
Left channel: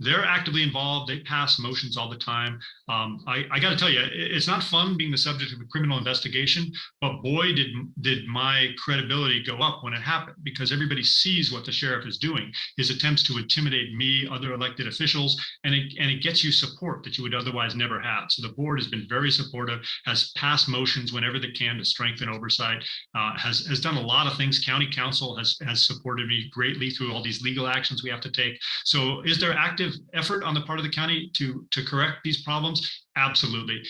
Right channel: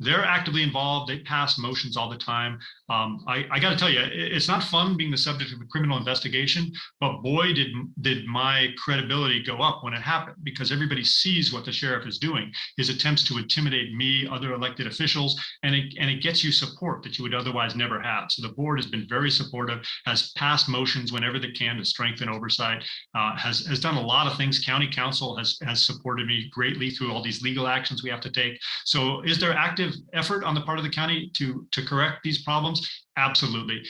they're actively involved. They pass motions all the time. I got to tell you, it's not fun being the subject of a criminal investigation, but boy, did my credibility go up when it happened, because everybody sees what the sheriff is doing, his attempts to intimidate me, other elected officials, and it gets you support that you would otherwise never have. So the board has been very supportive, has passed motions whenever they can to strengthen oversight, has done a lot of things. County council has supported me greatly through all these legal actions we have to take. So is there active effort on the part of the county to correct these problems? Absolutely.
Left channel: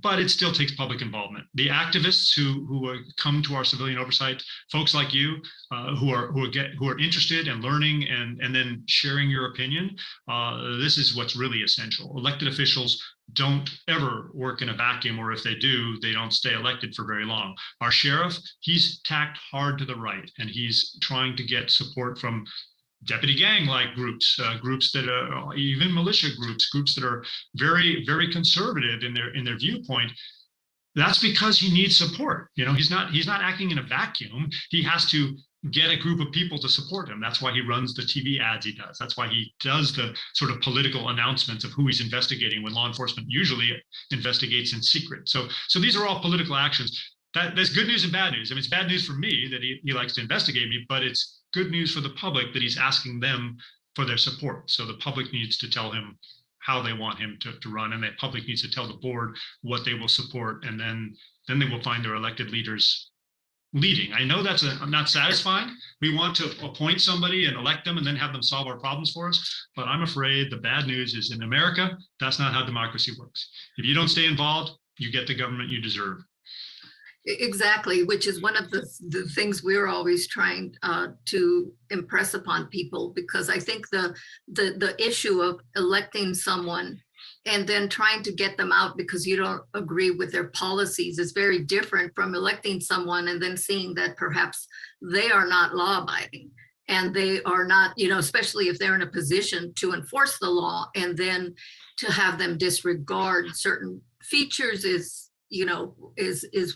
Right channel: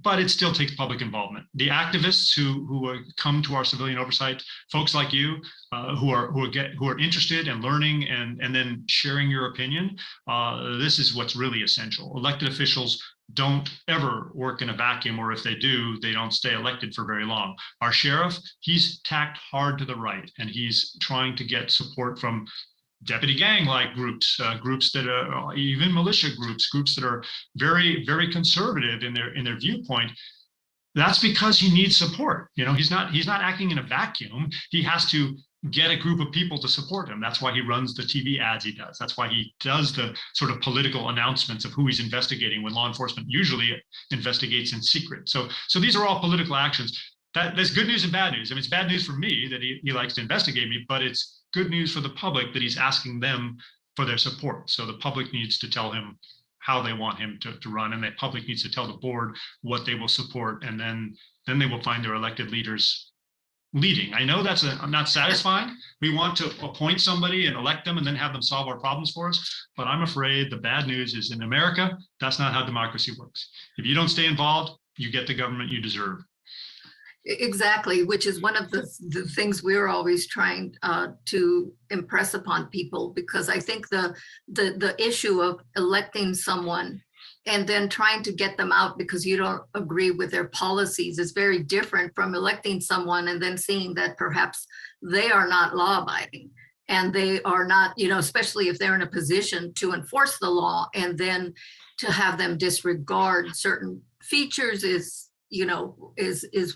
But it still takes public involvement. The activists who come to our civilian oversight, folks like you, who are interested in learning and then sharing your opinion, this is what's really essential. Elected officials don't ever work in a vacuum, or if they do, they don't stay elected for very long. Our sheriff, he's tacked hard to the right, and he's trying to get support from deputy gang-like groups that are even militia groups that are very, very conservative in their viewpoint. That's because he needs support. He's not acting in a vacuum. He has to get a group of people to support him. That's why he runs the TV ads he does. That's why he does the sort of political announcements of who he's investigating when law enforcement usually investigates in secret. So these are all political actions. That's good news and bad news. I mean, it's bad news for me that he likes to investigate me, but it's good news for the public that he's asking them for their support. So the public needs to tell him how they want him to run, and the public needs to tell the board what they will support, and then they will find their elected leaders leading. I know that's not satisfying. We want to appoint somebody and elect them and then have them solve our problems for us. But I'm afraid the bad news is in America, that's not how democracy works. If you don't stay involved, you get the government you deserve. Exactly, which is one of the things we're always trying to impress upon people, because I think the issue of electing someone and then trying to get them out because you don't agree with their policies is very different from electing someone and then seeing that perhaps they are not law-abiding and they are not, especially if they're in a position to enforce the law, and then to have them disregard certain features is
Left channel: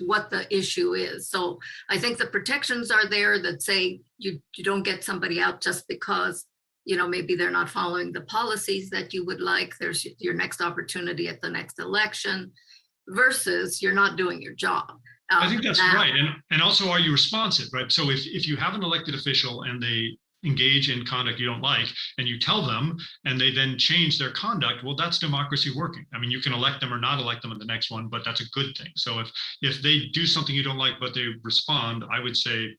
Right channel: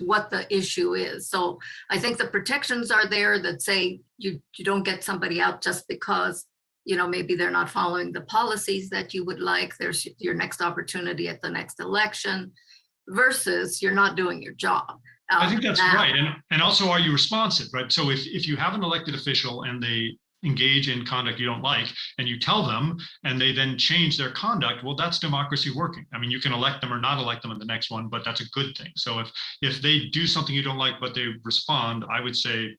what the issue is. So I think the protections are there that say you don't get somebody out just because maybe they're not following the policies that you would like. There's your next opportunity at the next election, versus you're not doing your job. I think that's right. And also, are you responsive, right? So if you have an elected official and they engage in conduct you don't like, and you tell them, and they then change their conduct, well, that's democracy working. I mean, you can elect them or not elect them in the next one, but that's a good thing. So if they do something you don't like, but they respond, I would say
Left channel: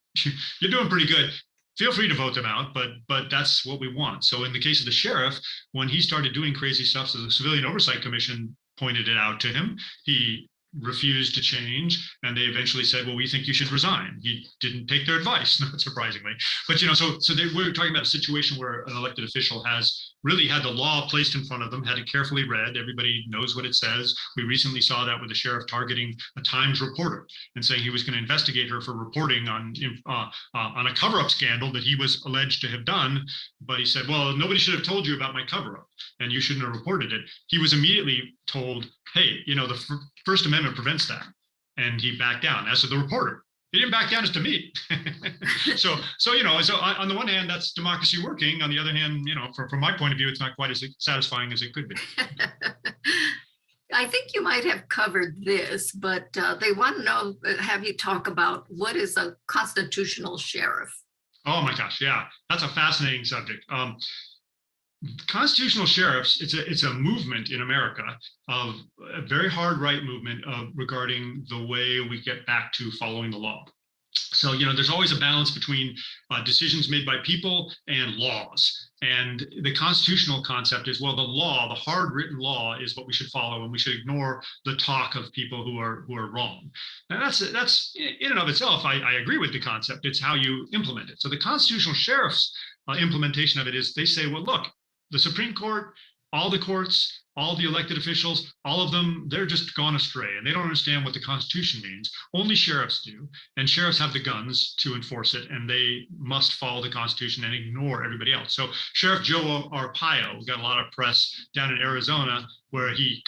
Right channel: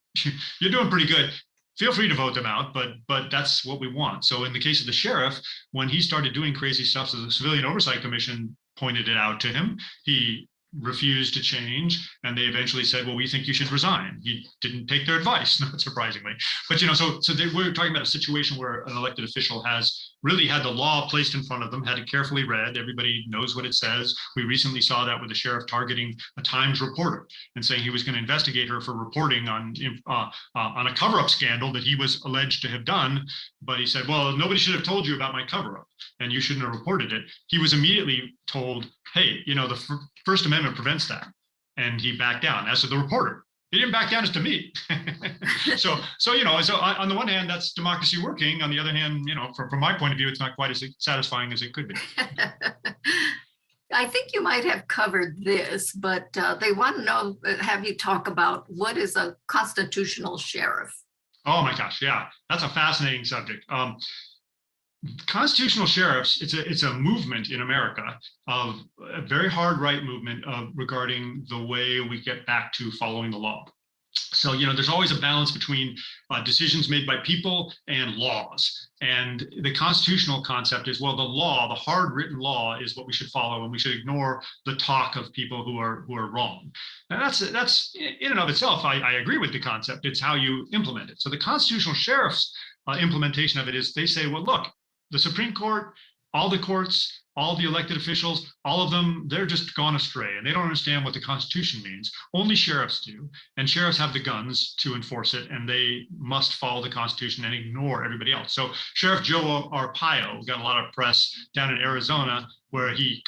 you're doing pretty good. Feel free to vote them out, but that's what we want. So in the case of the sheriff, when he started doing crazy stuff, so the Civilian Oversight Commission pointed it out to him. He refused to change, and they eventually said, well, we think you should resign. He didn't take their advice, not surprisingly. But so we're talking about a situation where an elected official has really had the law placed in front of them, had it carefully read. Everybody knows what it says. We recently saw that with the sheriff targeting a Times reporter and saying he was going to investigate her for reporting on a cover-up scandal that he was alleged to have done. But he said, well, nobody should have told you about my cover-up, and you shouldn't have reported it. He was immediately told, hey, the First Amendment prevents that. And he backed down. As to the reporter, he didn't back down as to me. So on the one hand, that's democracy working. On the other hand, from my point of view, it's not quite as satisfying as it could be. I think you might have covered this, but they want to know, have you talk about what is a constitutional sheriff? Oh my gosh, yeah, that's a fascinating subject. Constitutional sheriffs, it's a movement in America, of a very hard right movement regarding the way we get back to following the law. So, there's always a balance between decisions made by people and laws. And the constitutional concept is, well, the law, the hard written law, is what we should follow, and we should ignore the talk of people who are wrong. And that's in and of itself, I agree with the concept. It's how you implement it. So the constitutional sheriff's implementation of it is, they say, well, look, the Supreme Court, all the courts, all the elected officials, all of them, they're just gone astray, and they don't understand what the Constitution means. Only sheriffs do, and sheriffs have the guns to enforce it, and they must follow the Constitution and ignore everybody else. So Sheriff Joe Arpaio got a lot of press down in Arizona, where he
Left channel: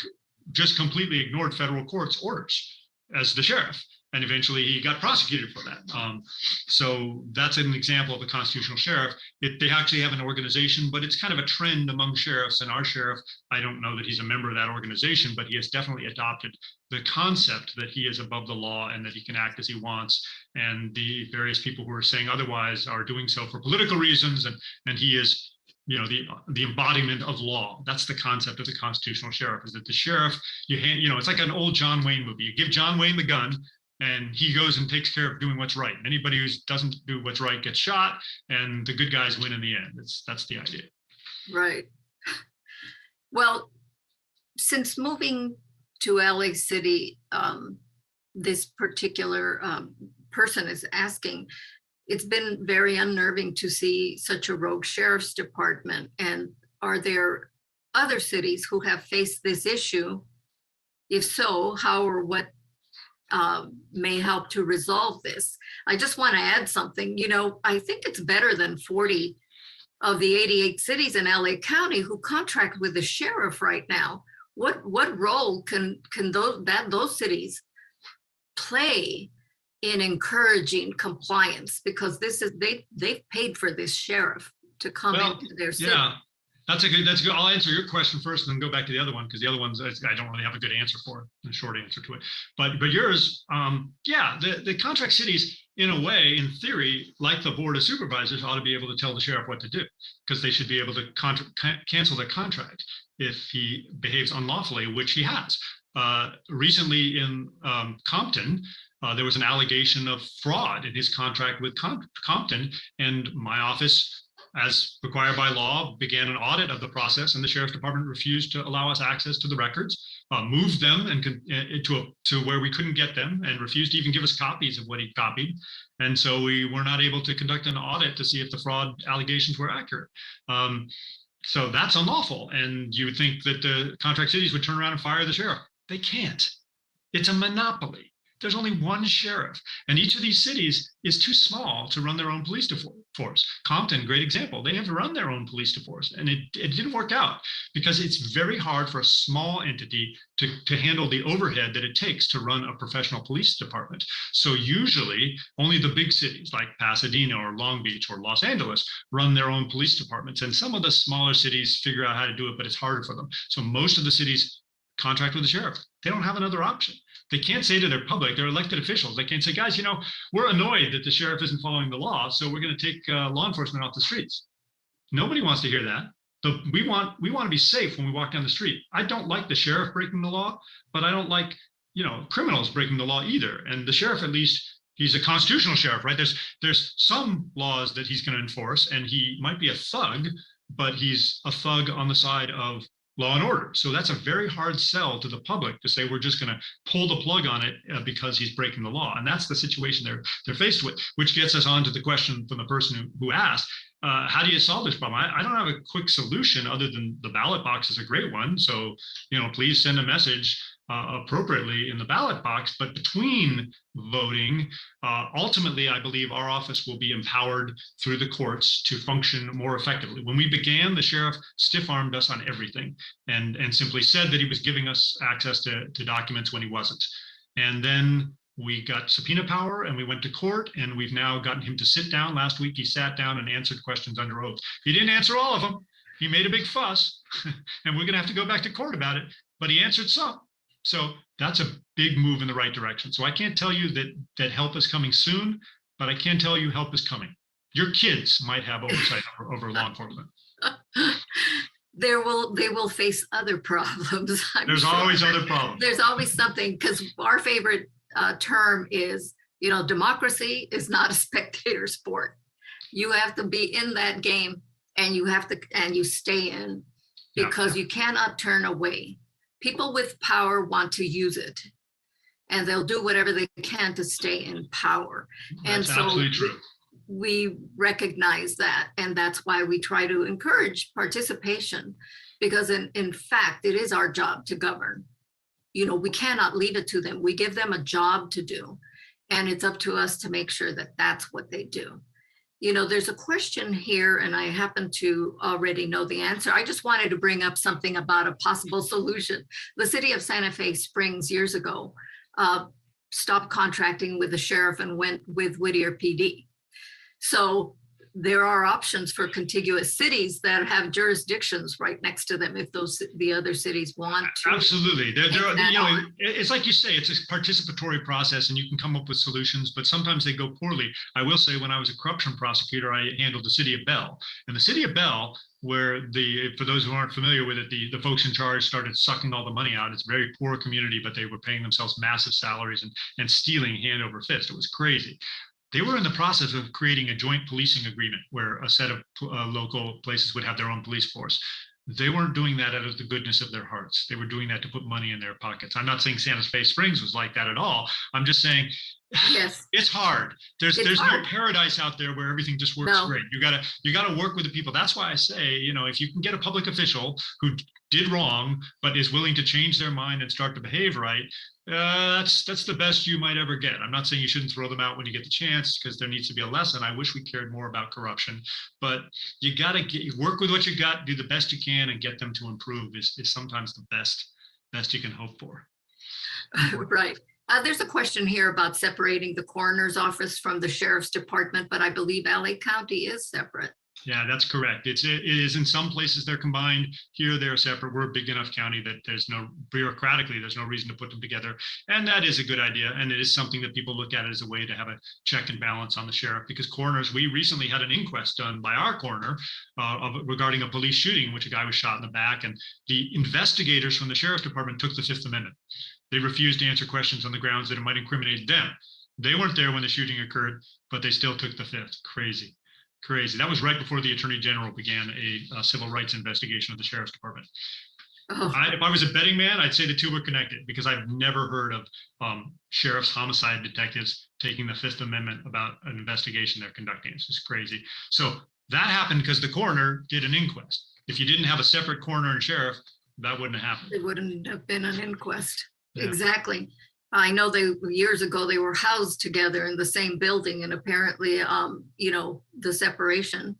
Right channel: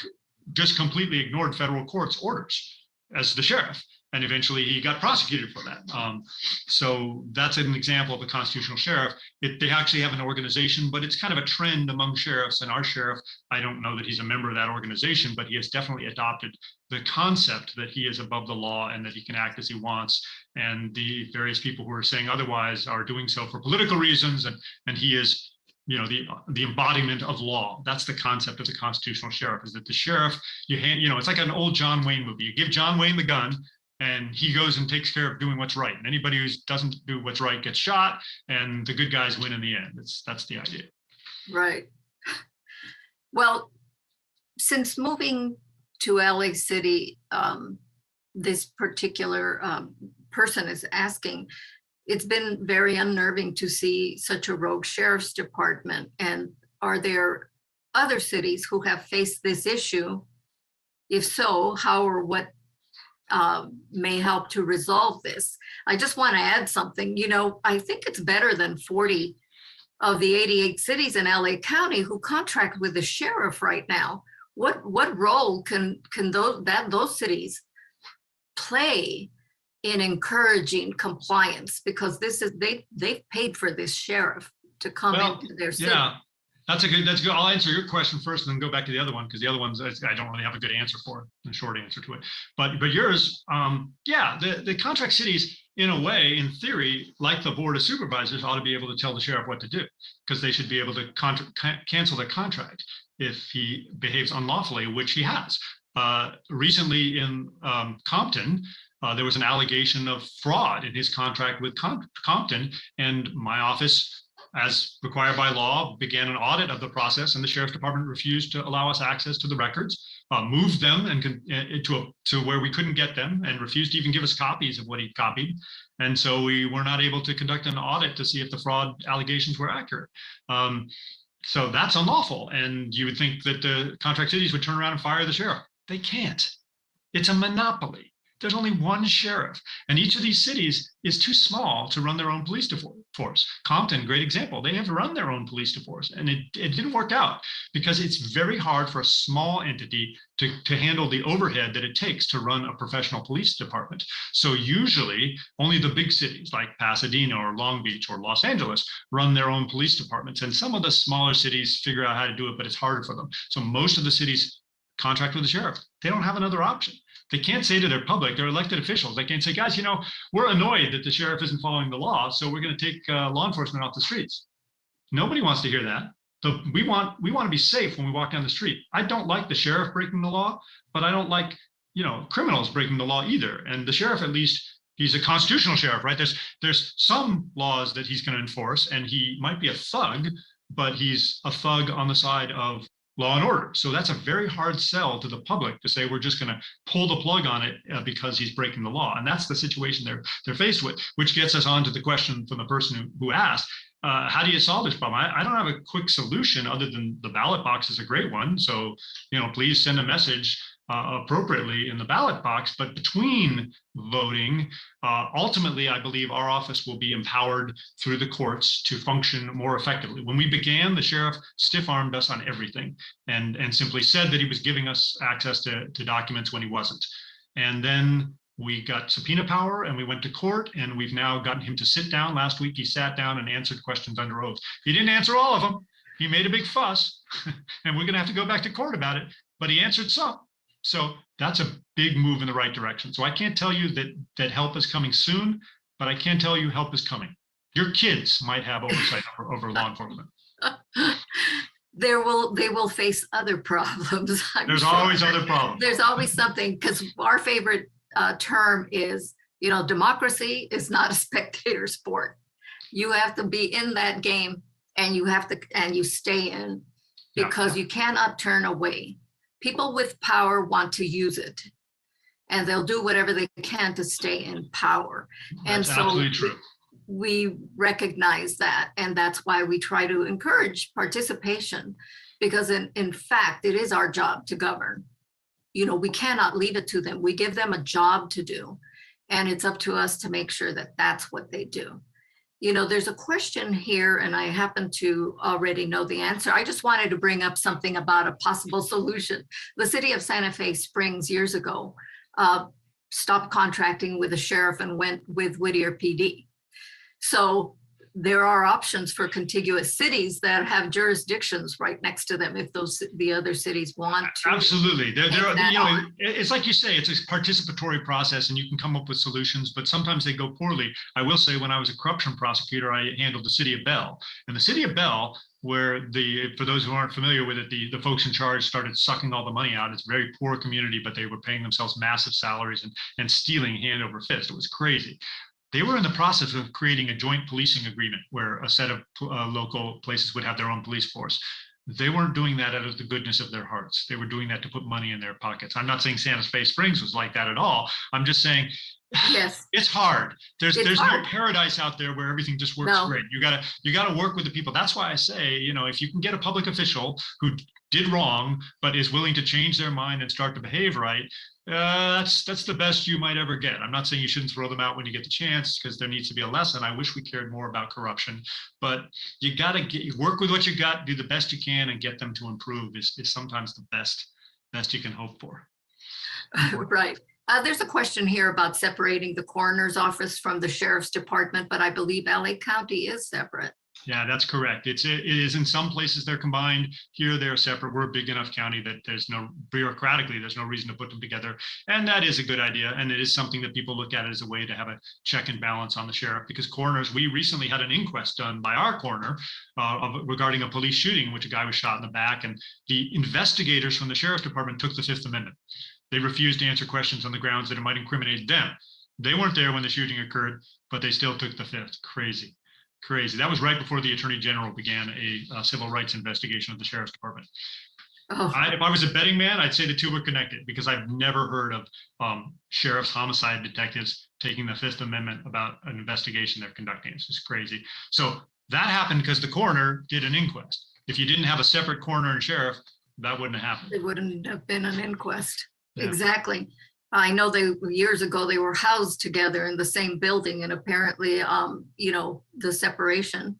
just completely ignored federal court's orders as the sheriff. And eventually he got prosecuted for that. So that's an example of a constitutional sheriff. They actually have an organization, but it's kind of a trend among sheriffs. And our sheriff, I don't know that he's a member of that organization, but he has definitely adopted the concept that he is above the law and that he can act as he wants. And the various people who are saying otherwise are doing so for political reasons. And he is, the embodiment of law. That's the concept of the constitutional sheriff, is that the sheriff, it's like an old John Wayne movie. You give John Wayne the gun, and he goes and takes care of doing what's right. And anybody who doesn't do what's right gets shot, and the good guys win in the end. That's the idea. Right. Well, since moving to LA City, this particular person is asking, it's been very unnerving to see such a rogue sheriff's department. And are there other cities who have faced this issue? If so, how or what may help to resolve this? I just want to add something. I think it's better than 40 of the 88 cities in LA County who contract with the sheriff right now. What role can those cities play in encouraging compliance? Because they've paid for this sheriff to come into their city. Yeah. That's a good. I'll answer your question first, and then go back to the other one, because the other ones I don't really have a good answer for, a short answer to it. But yours, the contract cities, in a way, in theory, like the Board of Supervisors, ought to be able to tell the sheriff what to do, because they should be able to cancel their contract if he behaves unlawfully, which he has. Recently in Compton, there was an allegation of fraud in his contract with Compton, and my office, as required by law, began an audit of the process, and the sheriff's department refused to allow us access to the records, moved them to where we couldn't get them, and refused to even give us copies of what he copied. And so we were not able to conduct an audit to see if the fraud allegations were accurate. So that's unlawful. And you would think that the contract cities would turn around and fire the sheriff. They can't. It's a monopoly. There's only one sheriff, and each of these cities is too small to run their own police force. Compton, great example. They have to run their own police force, and it didn't work out because it's very hard for a small entity to handle the overhead that it takes to run a professional police department. So usually only the big cities like Pasadena or Long Beach or Los Angeles run their own police departments, and some of the smaller cities figure out how to do it, but it's harder for them. So most of the cities contract with the sheriff. They don't have another option. They can't say to their public, they're elected officials, they can't say, guys, we're annoyed that the sheriff isn't following the law, so we're going to take law enforcement off the streets. Nobody wants to hear that. We want to be safe when we walk down the street. I don't like the sheriff breaking the law, but I don't like, criminals breaking the law either. And the sheriff, at least, he's a constitutional sheriff, right? There's some laws that he's going to enforce, and he might be a thug, but he's a thug on the side of law and order. So that's a very hard sell to the public to say we're just going to pull the plug on it because he's breaking the law. And that's the situation they're faced with, which gets us on to the question from the person who asked, how do you solve this problem? I don't have a quick solution other than the ballot box is a great one. So, please send a message appropriately in the ballot box. But between voting, ultimately, I believe our office will be empowered through the courts to function more effectively. When we began, the sheriff stiff-armed us on everything and simply said that he was giving us access to documents when he wasn't. And then we got subpoena power and we went to court, and we've now gotten him to sit down. Last week, he sat down and answered questions under oath. He didn't answer all of them. He made a big fuss, and we're going to have to go back to court about it, but he answered some. So that's a big move in the right direction. So I can't tell you that help is coming soon, but I can tell you help is coming. Your kids might have oversight over law enforcement. They will face other problems. There's always other problems. There's always something, because our favorite term is, democracy is not a spectator sport. You have to be in that game, and you stay in, because you cannot turn away. People with power want to use it, and they'll do whatever they can to stay in power. That's and so absolutely true. We recognize that, and that's why we try to encourage participation, because in fact, it is our job to govern. We cannot leave it to them. We give them a job to do, and it's up to us to make sure that that's what they do. There's a question here, and I happen to already know the answer. I just wanted to bring up something about a possible solution. The city of Santa Fe Springs years ago stopped contracting with the sheriff and went with Whittier PD. So there are options for contiguous cities that have jurisdictions right next to them if the other cities want to. Absolutely. It's like you say, it's a participatory process, and you can come up with solutions, but sometimes they go poorly. I will say, when I was a corruption prosecutor, I handled the city of Bell. And the city of Bell, where for those who aren't familiar with it, the folks in charge started sucking all the money out. It's a very poor community, but they were paying themselves massive salaries and stealing hand over fist. It was crazy. They were in the process of creating a joint policing agreement where a set of local places would have their own police force. They weren't doing that out of the goodness of their hearts. They were doing that to put money in their pockets. I'm not saying Santa Fe Springs was like that at all. I'm just saying, yes, it's hard. There's no paradise out there where everything just works great. You gotta work with the people. That's why I say, if you can get a public official who did wrong but is willing to change their mind and start to behave right, that's the best you might ever get. I'm not saying you shouldn't throw them out when you get the chance, because there needs to be a lesson. I wish we cared more about corruption, but you gotta work with what you got, do the best you can, and get them to improve is sometimes the best you can hope for. Right. There's a question here about separating the coroner's office from the sheriff's department, but I believe LA County is separate. Yeah, that's correct. It is in some places they're combined. Here they're separate. We're a big enough county that there's no reason to put them together. And that is a good idea. And it is something that people look at as a way to have a check and balance on the sheriff, because coroners, we recently had an inquest done by our coroner regarding a police shooting in which a guy was shot in the back. And the investigators from the sheriff's department took the Fifth Amendment. They refused to answer questions on the grounds that it might incriminate them. They weren't there when the shooting occurred, but they still took the Fifth. Crazy. That was right before the Attorney General began a civil rights investigation of the Sheriff's Department. If I was a betting man, I'd say the two were connected, because I've never heard of sheriff's homicide detectives taking the Fifth Amendment about an investigation they're conducting. It's just crazy. So that happened because the coroner did an inquest. If you didn't have a separate coroner and sheriff, that wouldn't have happened. It wouldn't have been an inquest. Yeah. Exactly. I know years ago they were housed together in the same building, and apparently, the separation.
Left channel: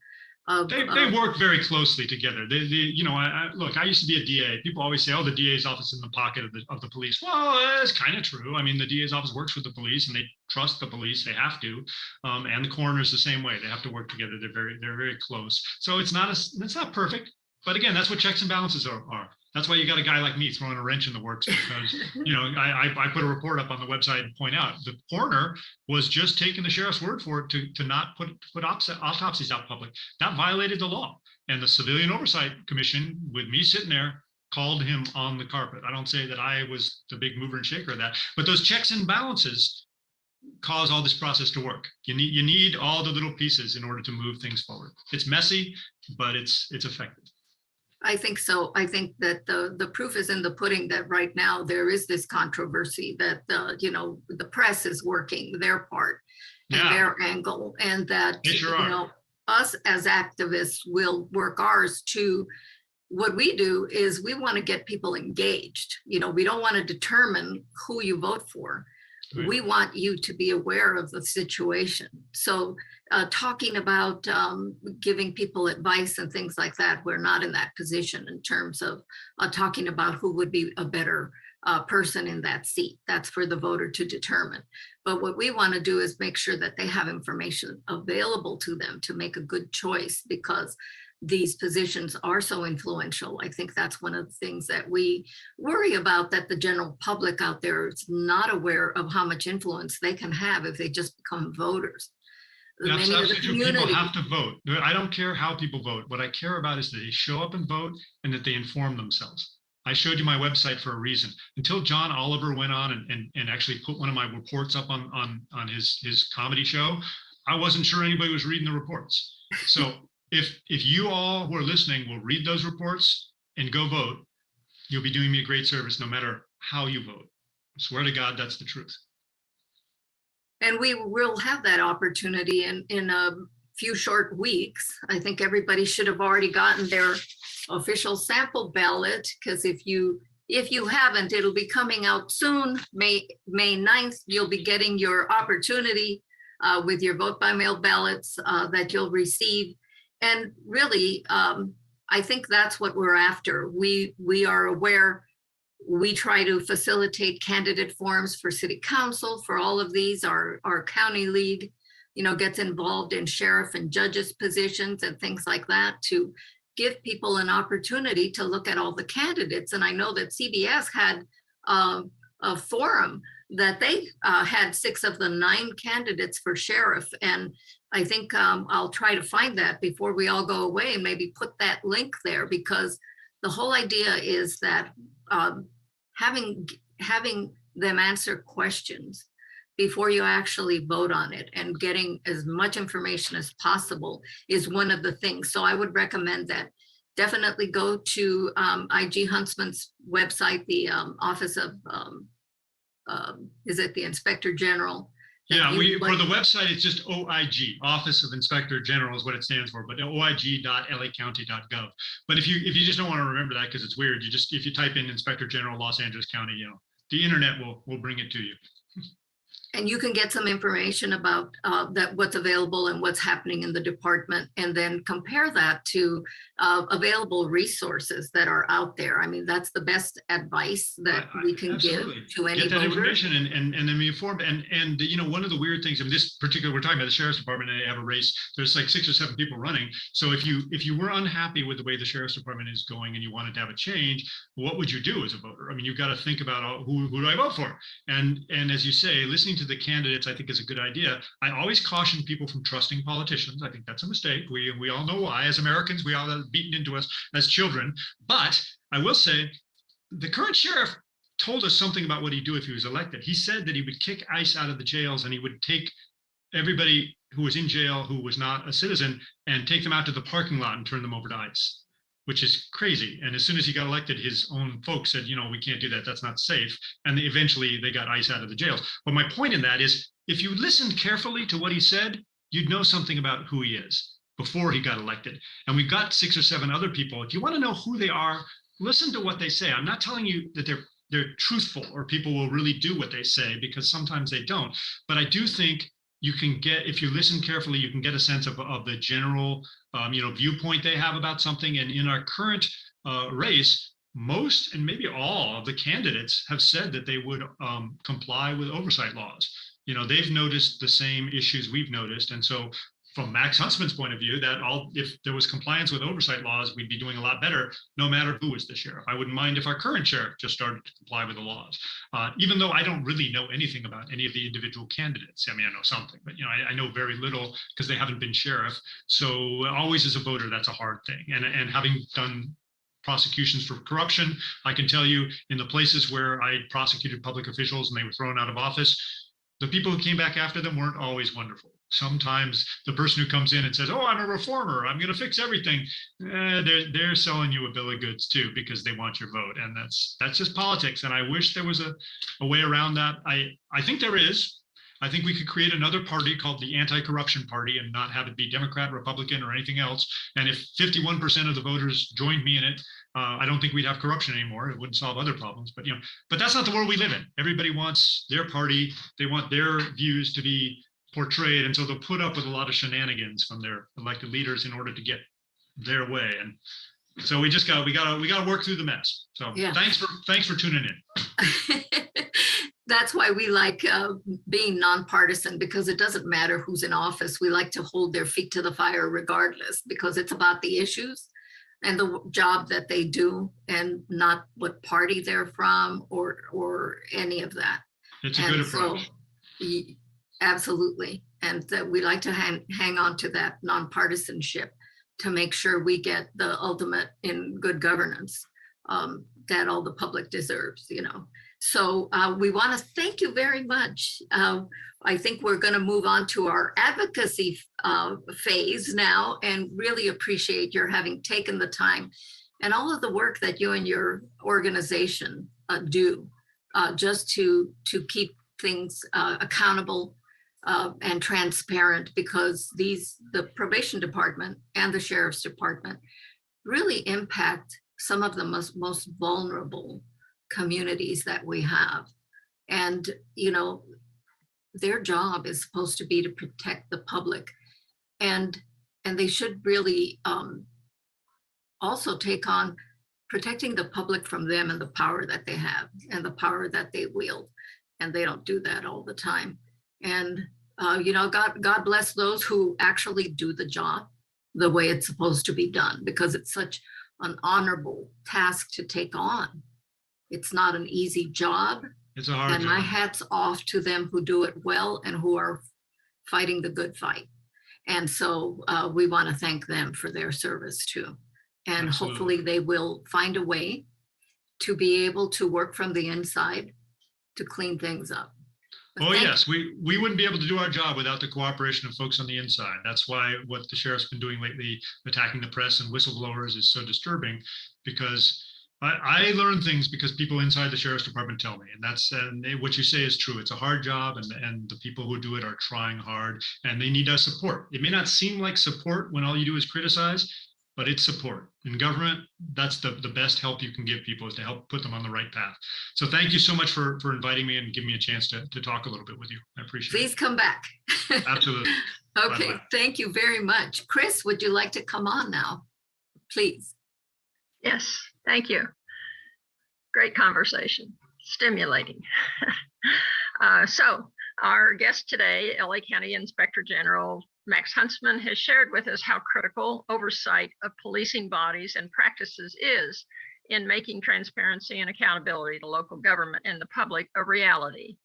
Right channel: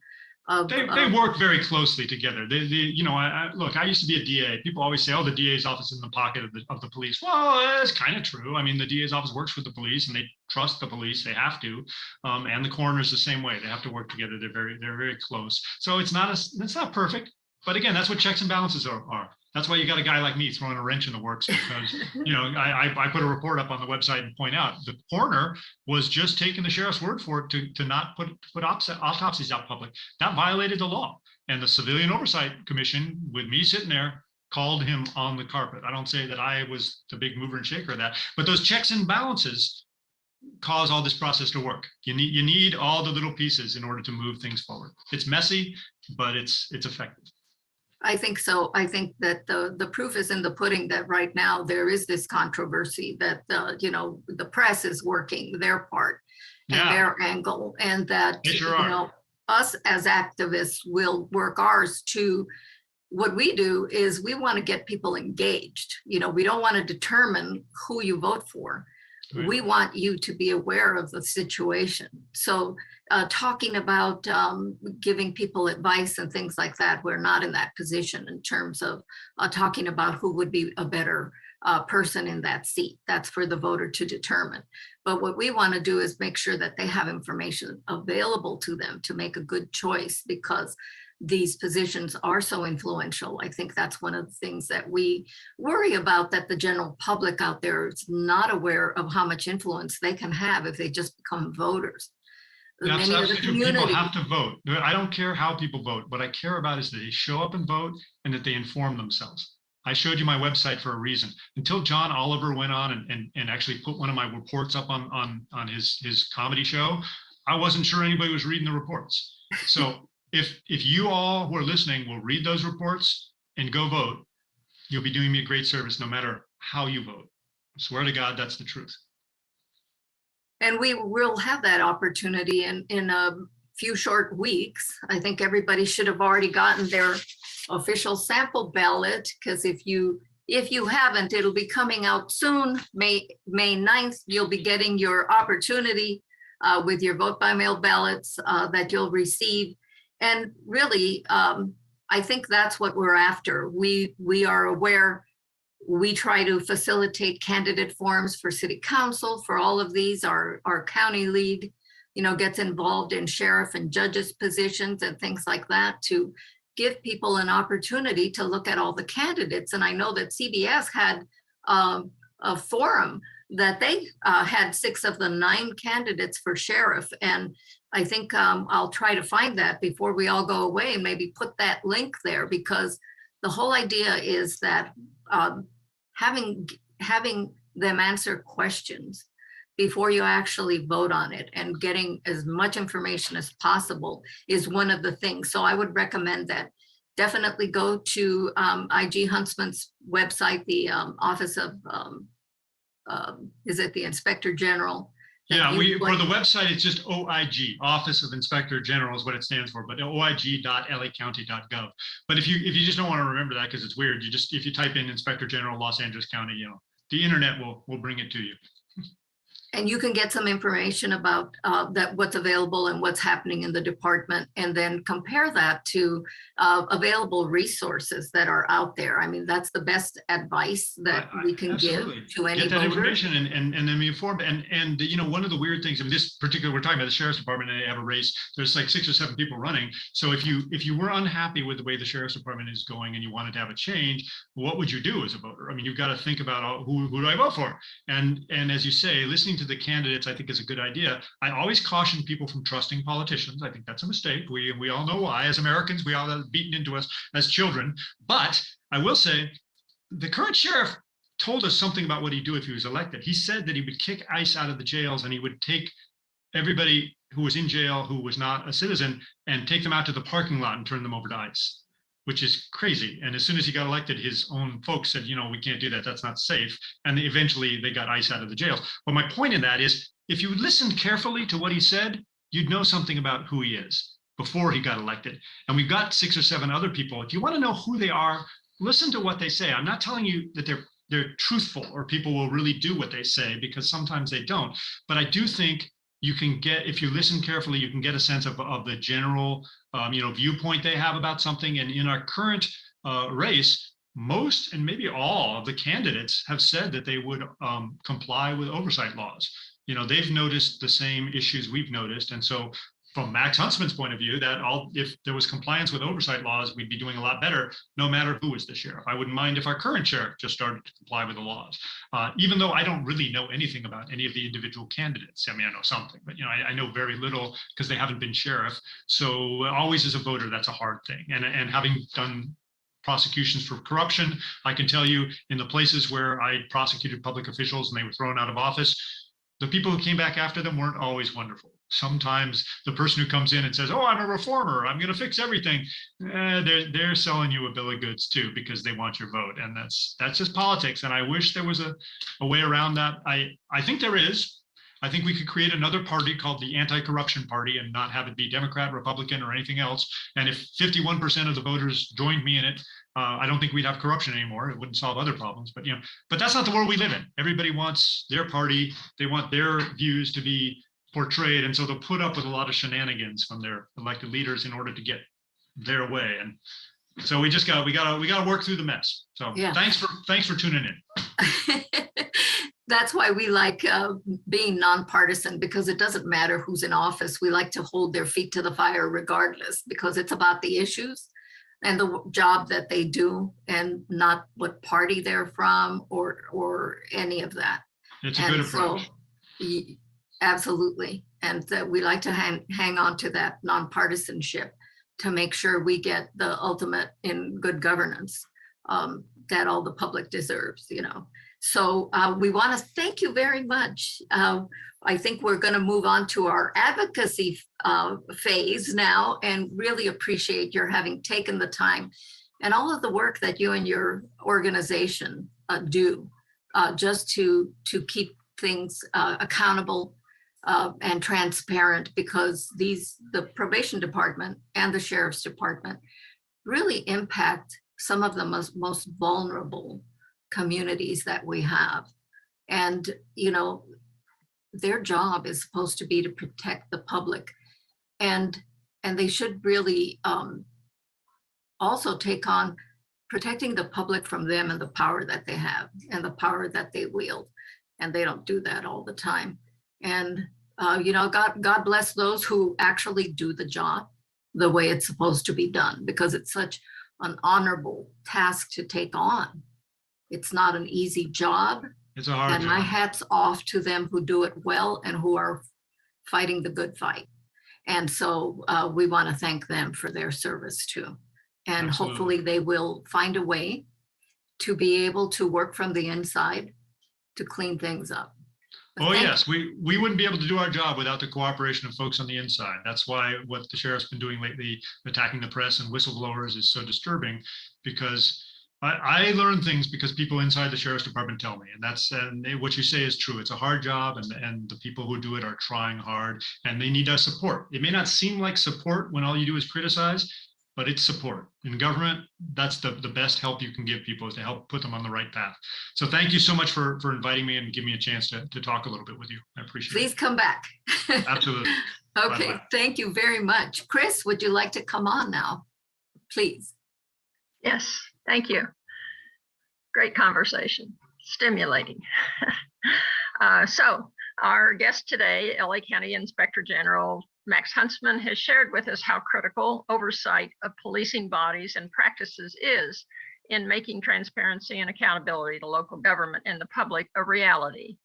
They work very closely together. Look, I used to be a DA. People always say, "Oh, the DA's office is in the pocket of the police." Well, that's kind of true. I mean, the DA's office works with the police, and they trust the police. They have to, and the coroner's the same way. They have to work together. They're very close. So it's not perfect, But again, that's what checks and balances are. That's why you got a guy like me throwing a wrench in the works. Because, I put a report up on the website and point out the coroner was just taking the sheriff's word for it to not put autopsies out public. That violated the law. And the Civilian Oversight Commission, with me sitting there, called him on the carpet. I don't say that I was the big mover and shaker of that, but those checks and balances cause all this process to work. You need all the little pieces in order to move things forward. It's messy, but it's effective. I think so. I think that the proof is in the pudding that right now there is this controversy that, the press is working their part and their angle, and that, us as activists will work ours to. What we do is we want to get people engaged. We don't want to determine who you vote for. Right. We want you to be aware of the situation. So talking about giving people advice and things like that, we're not in that position in terms of talking about who would be a better person in that seat. That's for the voter to determine. But what we want to do is make sure that they have information available to them to make a good choice, because these positions are so influential. I think that's one of the things that we worry about, that the general public out there is not aware of how much influence they can have if they just become voters. Absolutely. People have to vote. I don't care how people vote. What I care about is that they show up and vote and that they inform themselves. I showed you my website for a reason. Until John Oliver went on and actually put one of my reports up on his comedy show, I wasn't sure anybody was reading the reports. So if you all who are listening will read those reports and go vote, you'll be doing me a great service no matter how you vote. I swear to God, that's the truth. And we will have that opportunity in a few short weeks. I think everybody should have already gotten their official sample ballot, because if you haven't, it'll be coming out soon. May 9th, you'll be getting your opportunity with your vote by mail ballots that you'll receive. And really, I think that's what we're after. We are aware. We try to facilitate candidate forums for city council, for all of these. Our county league, gets involved in sheriff and judges positions and things like that to give people an opportunity to look at all the candidates. And I know that CBS had a forum that they had 6 of the 9 candidates for sheriff. And I think I'll try to find that before we all go away and maybe put that link there, because the whole idea is that having them answer questions before you actually vote on it and getting as much information as possible is one of the things. So I would recommend that definitely go to IG Huntsman's website, the Office of, is it the Inspector General? Yeah, for the website, it's just OIG, Office of Inspector General is what it stands for, but oig.lacounty.gov. But if you just don't want to remember that because it's weird, if you type in Inspector General Los Angeles County, the internet will bring it to you. And you can get some information about what's available and what's happening in the department, and then compare that to available resources that are out there. I mean, that's the best advice that we can give to any get that information and then be informed. And one of the weird things of this particular, we're talking about the sheriff's department, and they have a race. There's like 6 or 7 people running. So if you were unhappy with the way the sheriff's department is going and you wanted to have a change, what would you do as a voter? I mean, you've got to think about who do I vote for? And as you say, listening to the candidates, I think, is a good idea. I always caution people from trusting politicians. I think that's a mistake. We all know why. As Americans, we all have beaten into us as children. But I will say, the current sheriff told us something about what he'd do if he was elected. He said that he would kick ICE out of the jails, and he would take everybody who was in jail who was not a citizen and take them out to the parking lot and turn them over to ICE, which is crazy. And as soon as he got elected, his own folks said, we can't do that. That's not safe. And eventually they got ICE out of the jails. But my point in that is, if you listened carefully to what he said, you'd know something about who he is before he got elected. And we've got 6 or 7 other people. If you want to know who they are, listen to what they say. I'm not telling you that they're truthful or people will really do what they say, because sometimes they don't. But I do think you can get, if you listen carefully, you can get a sense of the general viewpoint they have about something. And in our current race, most and maybe all of the candidates have said that they would comply with oversight laws. They've noticed the same issues we've noticed. And so from Max Huntsman's point of view, that if there was compliance with oversight laws, we'd be doing a lot better, no matter who was the sheriff. I wouldn't mind if our current sheriff just started to comply with the laws, even though I don't really know anything about any of the individual candidates. I mean, I know something, but I know very little because they haven't been sheriff. So always as a voter, that's a hard thing. And having done prosecutions for corruption, I can tell you in the places where I prosecuted public officials and they were thrown out of office, the people who came back after them weren't always wonderful. Sometimes the person who comes in and says, "Oh, I'm a reformer, I'm going to fix everything," they're selling you a bill of goods too because they want your vote, and that's just politics. And I wish there was a way around that. I think there is. I think we could create another party called the Anti-Corruption Party and not have it be Democrat, Republican, or anything else. And if 51% of the voters joined me in it, I don't think we'd have corruption anymore. It wouldn't solve other problems. But that's not the world we live in. Everybody wants their party. They want their views to be portrayed, and so they'll put up with a lot of shenanigans from their elected leaders in order to get their way. And so we gotta work through the mess. So yeah. Thanks for tuning in. That's why we like being nonpartisan, because it doesn't matter who's in office. We like to hold their feet to the fire regardless, because it's about the issues and the job that they do, and not what party they're from or any of that. It's a good approach. Absolutely. And we like to hang on to that nonpartisanship to make sure we get the ultimate in good governance that all the public deserves, So we want to thank you very much. I think we're going to move on to our advocacy phase now, and really appreciate your having taken the time and all of the work that you and your organization do just to keep things accountable and transparent, because the probation department and the sheriff's department really impact some of the most vulnerable communities that we have. And, their job is supposed to be to protect the public. And they should really also take on protecting the public from them and the power that they have and the power that they wield. And they don't do that all the time. And, God bless those who actually do the job the way it's supposed to be done, because it's such an honorable task to take on. It's not an easy job. It's a hard job. And my hat's off to them who do it well and who are fighting the good fight. And so we want to thank them for their service too. And Absolutely. Hopefully they will find a way to be able to work from the inside to clean things up. Yes, we wouldn't be able to do our job without the cooperation of folks on the inside. That's why what the sheriff's been doing lately, attacking the press and whistleblowers, is so disturbing, because I learn things because people inside the sheriff's department tell me, and what you say is true. It's a hard job, and the people who do it are trying hard, and they need our support. It may not seem like support when all you do is criticize, but it's support. In government, that's the best help you can give people, is to help put them on the right path. So thank you so much for inviting me and giving me a chance to talk a little bit with you. I appreciate it. Please come back. Absolutely. Okay, Bye-bye. Thank you very much. Chris, would you like to come on now, please? Yes, thank you. Great conversation, stimulating. So our guest today, LA County Inspector General Max Huntsman, has shared with us how critical oversight of policing bodies and practices is in making transparency and accountability to local government and the public a reality.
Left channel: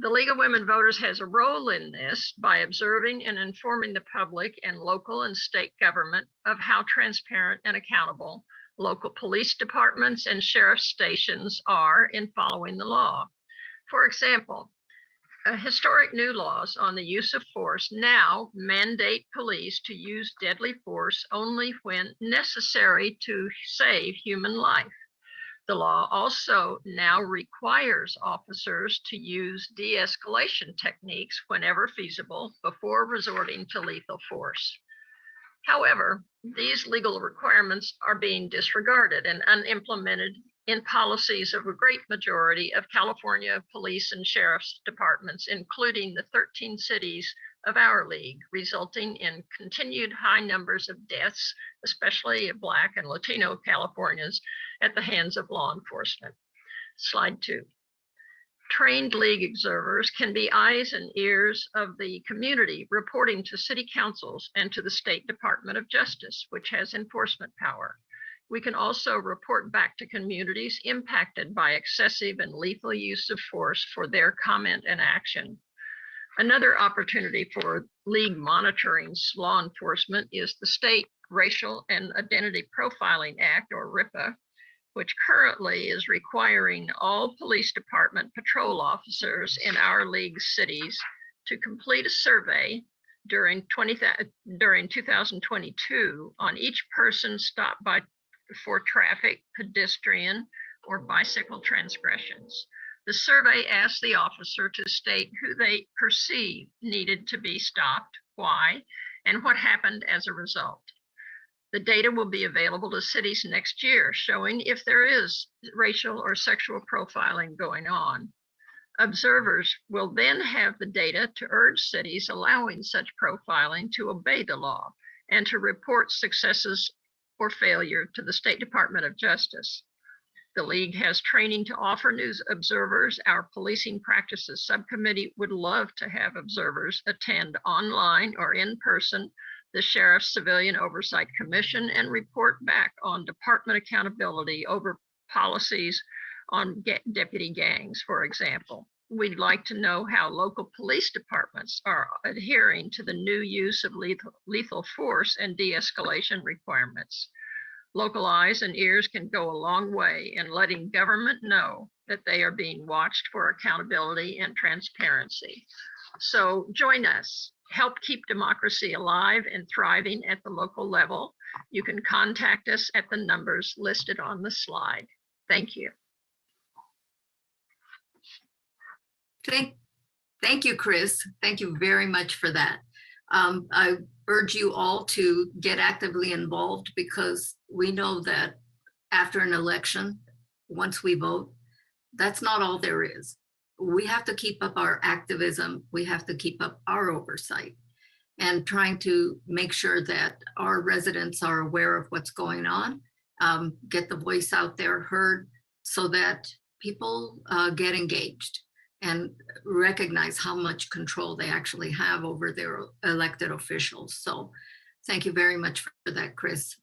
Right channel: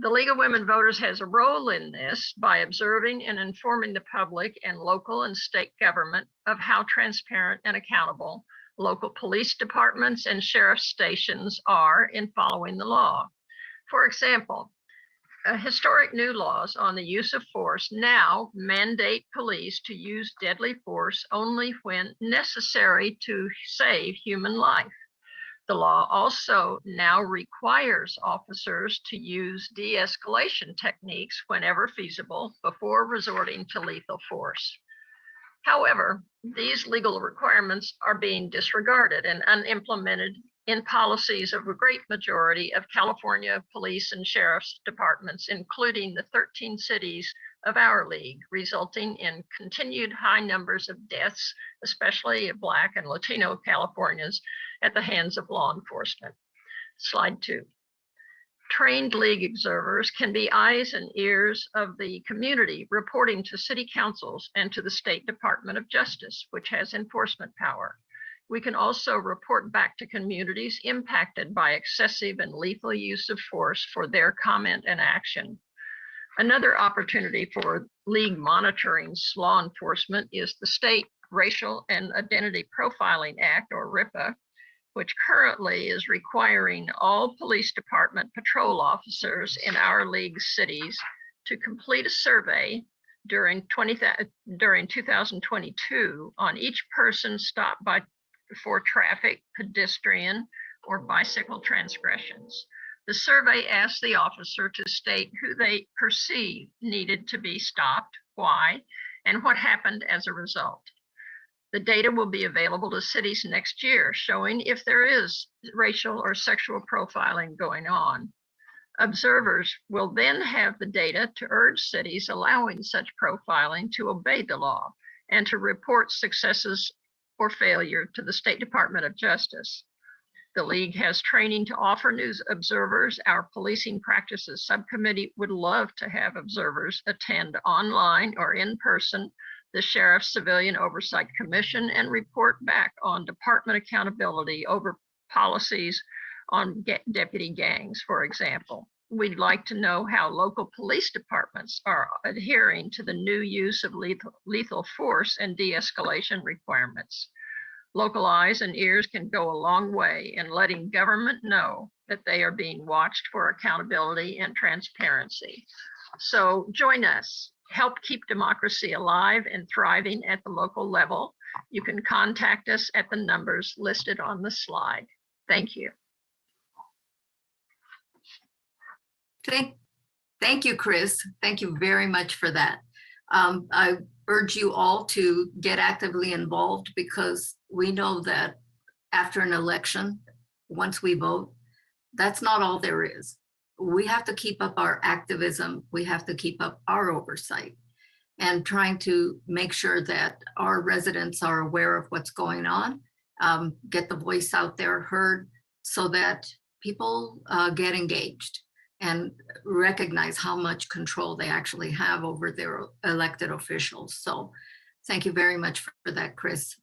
The League of Women Voters has a role in this by observing and informing the public and local and state government of how transparent and accountable local police departments and sheriff stations are in following the law. For example, historic new laws on the use of force now mandate police to use deadly force only when necessary to save human life. The law also now requires officers to use de-escalation techniques whenever feasible before resorting to lethal force. However, these legal requirements are being disregarded and unimplemented in policies of a great majority of California police and sheriff's departments, including the 13 cities of our league, resulting in continued high numbers of deaths, especially of Black and Latino Californians, at the hands of law enforcement. Slide 2. Trained league observers can be eyes and ears of the community, reporting to city councils and to the State Department of Justice, which has enforcement power. We can also report back to communities impacted by excessive and lethal use of force for their comment and action. Another opportunity for league monitoring law enforcement is the State Racial and Identity Profiling Act, or RIPA, which currently is requiring all police department patrol officers in our league cities to complete a survey during 2022 on each person stopped by for traffic, pedestrian, or bicycle transgressions. The survey asks the officer to state who they perceive needed to be stopped, why, and what happened as a result. The data will be available to cities next year, showing if there is racial or sexual profiling going on. Observers will then have the data to urge cities allowing such profiling to obey the law and to report successes or failure to the State Department of Justice. The League has training to offer news observers. Our Policing Practices Subcommittee would love to have observers attend online or in person the Sheriff's Civilian Oversight Commission and report back on department accountability over policies on deputy gangs, for example. We'd like to know how local police departments are adhering to the new use of lethal force and de-escalation requirements. Local eyes and ears can go a long way in letting government know that they are being watched for accountability and transparency. So join us. Help keep democracy alive and thriving at the local level. You can contact us at the numbers listed on the slide. Thank you. Thank you, Chris. Thank you very much for that. I urge you all to get actively involved, because we know that after an election, once we vote, that's not all there is. We have to keep up our activism. We have to keep up our oversight and trying to make sure that our residents are aware of what's going on, get the voice out there heard, so that people get engaged and recognize how much control they actually have over their elected officials. So thank you very much for that, Chris.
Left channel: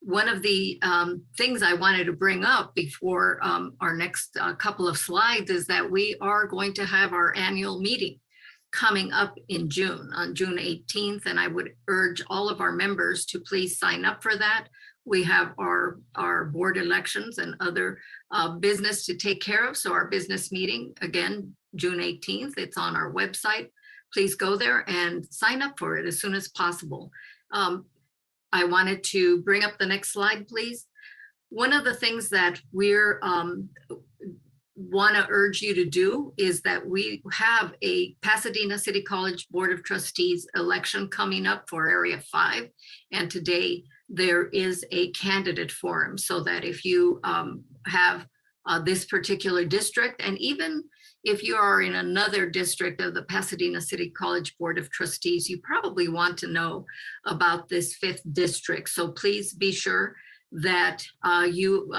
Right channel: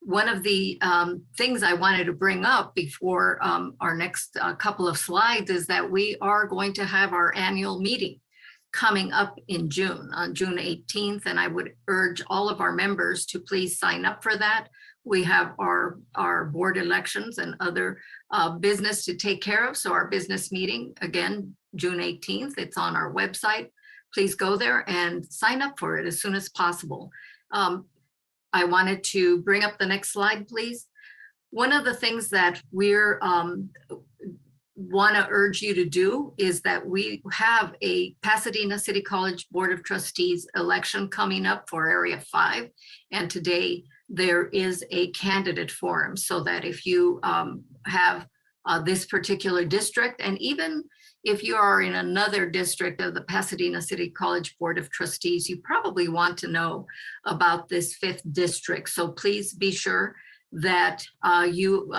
One of the things I wanted to bring up before our next couple of slides is that we are going to have our annual meeting coming up in June, on June 18th, and I would urge all of our members to please sign up for that. We have our board elections and other business to take care of. So our business meeting, again, June 18th, it's on our website. Please go there and sign up for it as soon as possible. I wanted to bring up the next slide, please. One of the things that we're want to urge you to do is that we have a Pasadena City College Board of Trustees election coming up for Area 5. And today there is a candidate forum, so that if you have this particular district, and even if you are in another district of the Pasadena City College Board of Trustees, you probably want to know about this 5th district. So please be sure that you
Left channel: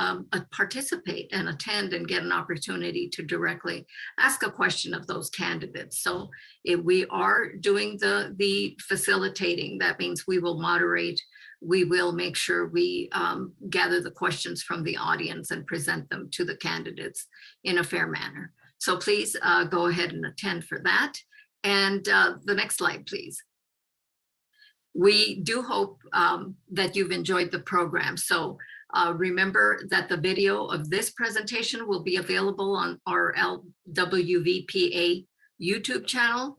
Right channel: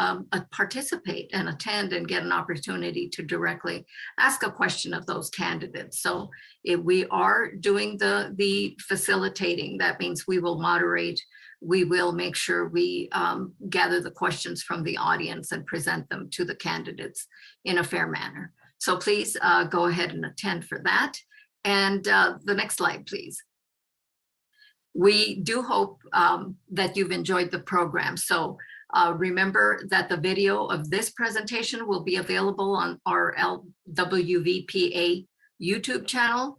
participate and attend and get an opportunity to directly ask a question of those candidates. So if we are doing the facilitating, that means we will moderate, we will make sure we gather the questions from the audience and present them to the candidates in a fair manner. So please go ahead and attend for that. And the next slide, please. We do hope that you've enjoyed the program. So remember that the video of this presentation will be available on our LWVPA YouTube channel,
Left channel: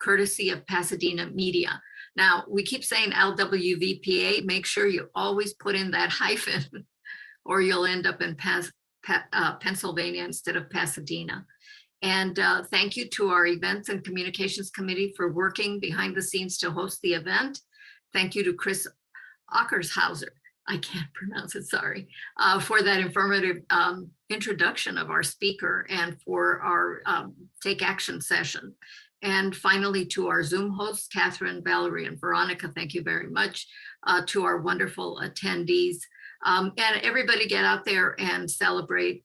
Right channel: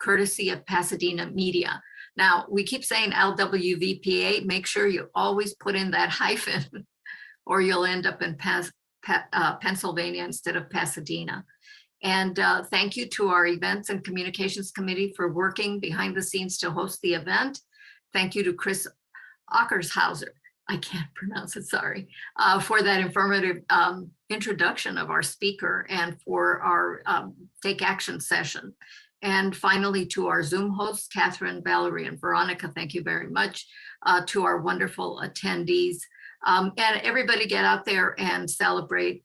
courtesy of Pasadena Media. Now, we keep saying LWVPA, make sure you always put in that hyphen or you'll end up in Pennsylvania instead of Pasadena. And thank you to our Events and Communications Committee for working behind the scenes to host the event. Thank you to Chris Ockershauser, I can't pronounce it, sorry, for that informative introduction of our speaker and for our Take Action session. And finally, to our Zoom hosts, Catherine, Valerie, and Veronica, thank you very much. To our wonderful attendees. And everybody get out there and celebrate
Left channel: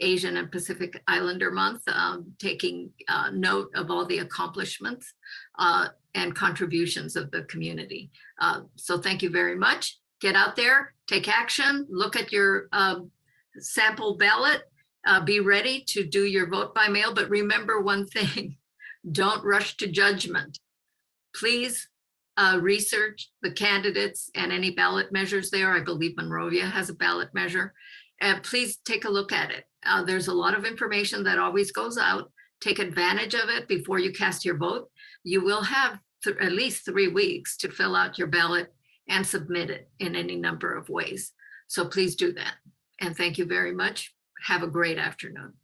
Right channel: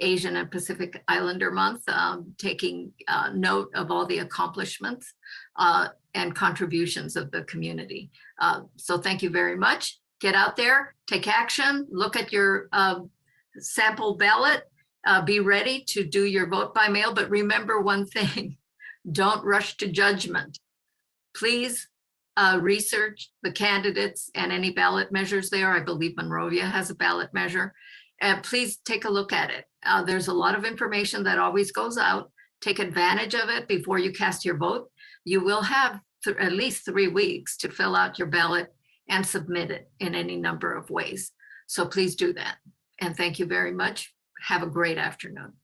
Asian and Pacific Islander Month, taking note of all the accomplishments and contributions of the community. So thank you very much. Get out there, take action, look at your sample ballot, be ready to do your vote by mail. But remember one thing, don't rush to judgment. Please research the candidates and any ballot measures there. I believe Monrovia has a ballot measure. Please take a look at it. There's a lot of information that always goes out. Take advantage of it before you cast your vote. You will have at least 3 weeks to fill out your ballot and submit it in any number of ways. So please do that. And thank you very much. Have a great afternoon.